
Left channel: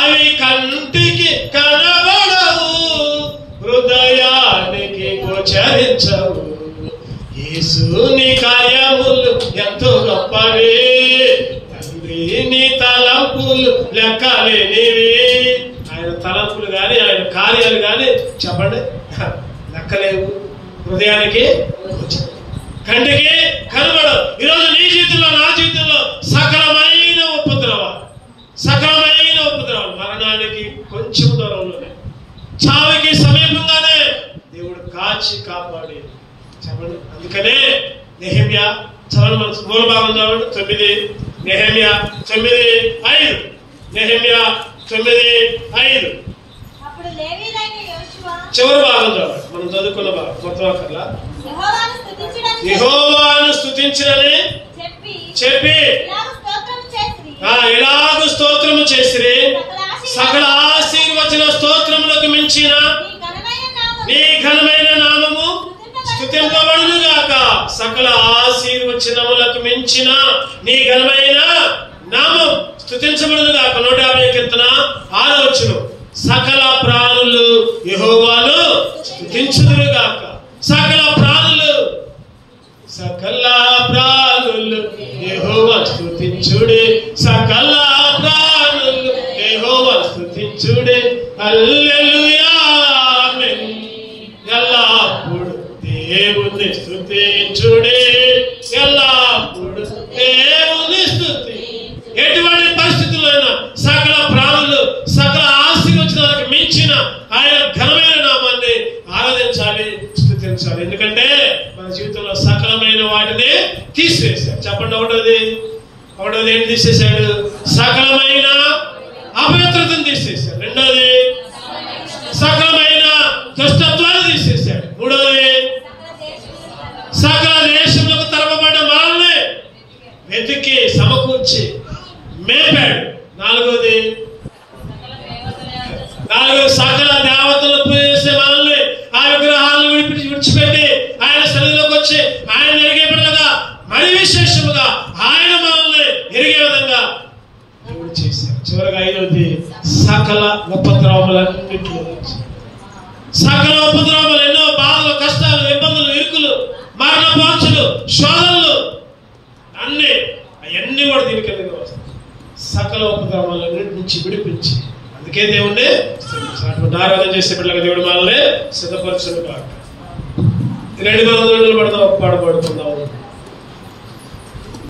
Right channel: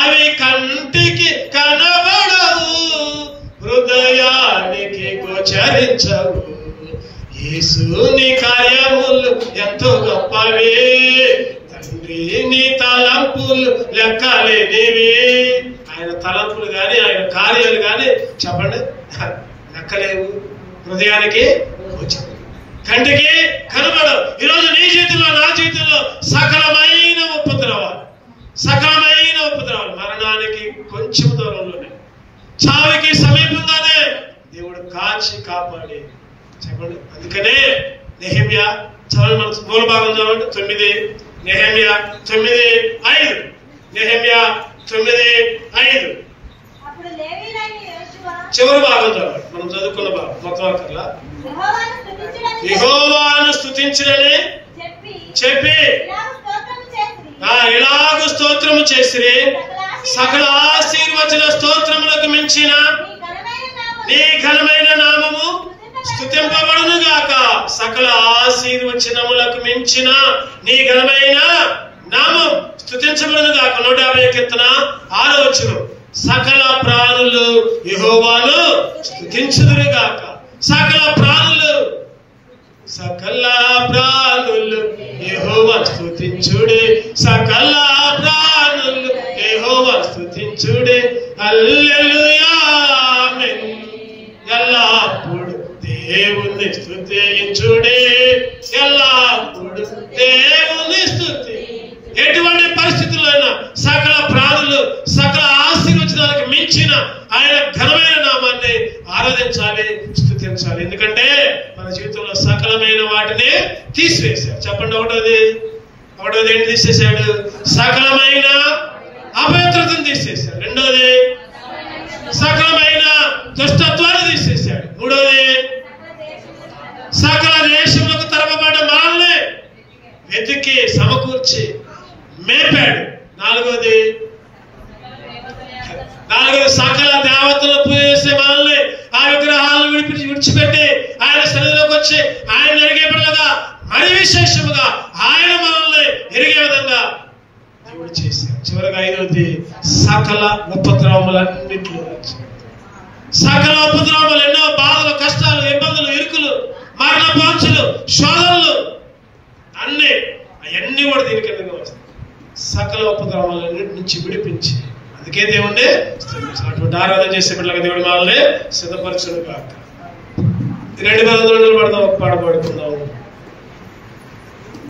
అవి కంటికి కనబడవు, హృదయానికి గోచరించవు. యేసుని కార్యములు ఎంతో గొప్పవి, తండ్రి నీ తలంపులు లెక్కలేనివి. ఆయన తలంపులు కానీ ఆయన కార్యాలు కానీ చెప్పండి లెక్కలేవు, హృదయానికి కంటికి కనబడవు. ఈరోజు నీ జీవితంలో నా జీవితంలో సకలమైన ఉపద్రవాలు, సకలమైన ఉపద్రవాలు, మరణానికి కొంచెం దూరంలోనే, చావుకి సమీపంగానే దేవుడు కాచి కాపాడి చెప్పండి. అందుకనే నెహెమ్యా చదవండి, మన మూల భాగం చదవండి. 9 నెహెమ్యా 9:5. నెహెమ్యా 9:5 చివరి భాగం చదవండి. మనం చదువుకున్న భాగం మొత్తం అక్కర్లా. యెహోవాను స్తుతించడని చెప్పి ఎలాగూ స్తోత్రము చేసిరి, సకల ఆశీర్వచన స్తోత్రములకు మించిన నీ ఘనమైన నామము స్తుతింపబడును గాక. సకల ఆశీర్వచనములకు మించిన నీ ఘనమైన నామం స్తుతించబడును గాక. 150 కీర్తన 6వ వచనం. సకల ప్రాణులు యెహోవాను స్తుతించుదురు గాక. సకల ప్రాణులు, సకల ప్రాణులు యెహోవా స్తుతించుడే, సకల ప్రాణులు యెహోవా స్తుతించుడే. హల్లెలూయా ఆమేన్. ఎల్లప్పుడు దేవుని స్తుతించుడే, ఎల్లప్పుడు దేవుని స్తుతి. ఎటువంటి పరిస్థితుల్లోనైనా సకల ప్రాణులు, సకల ఆశీర్వచనాలకు మించిన ఆయన ఘనమైన నామాన్ని ఆరాధించాలి, స్తుతించాలి. ఎందుకంటే మన జీవితంలో సకలమైన వాటిని తీసివేశాడు. చెప్పండి. ఒకటోది ఏంటి తీసేశాడు? సకలమైన అపవిత్రతను తీసేశాడు. రెండోది సకలమైన దుష్టత్వాన్ని తీసేశాడు. మూడోది సకల దేశములకు తరపబడ్డ వాళ్ళని వెతికి సమకూర్చి మేపాడు. నాలుగోది సకల దేవతలు పూజేసే మనల్ని ఆ విగ్రహాలను విడిచిపెట్టి ఆయన సన్నిధిలోకి వచ్చి ఆయన ఎరిగే విధంగా, మరి విశేషముగా ఆయన మనల్ని ఎరిగే విధంగా దేవుడు చేశాడు. చివరిగా ఐదవది సకల ఉపద్రవములన్నింటిలో, సకల ఉపద్రవములు, ఎన్నో బాధలు, కష్టాలు, ఇబ్బందులు, ఇరుకులు, మరణపాంచులు, శోధనలు అవన్నీ కూడా దీని కిందకి వస్తాయి. సకల ఉపద్రవాలన్నింటి నుంచి విడిపించి, అందుకే దేవుణ్ణి అటువంటి ఆరాధన చేసే పిల్లలకి దేవుడు మనల్ని సిద్ధపరచును కాక. 2 గంటలు పాడబడుకుందాం.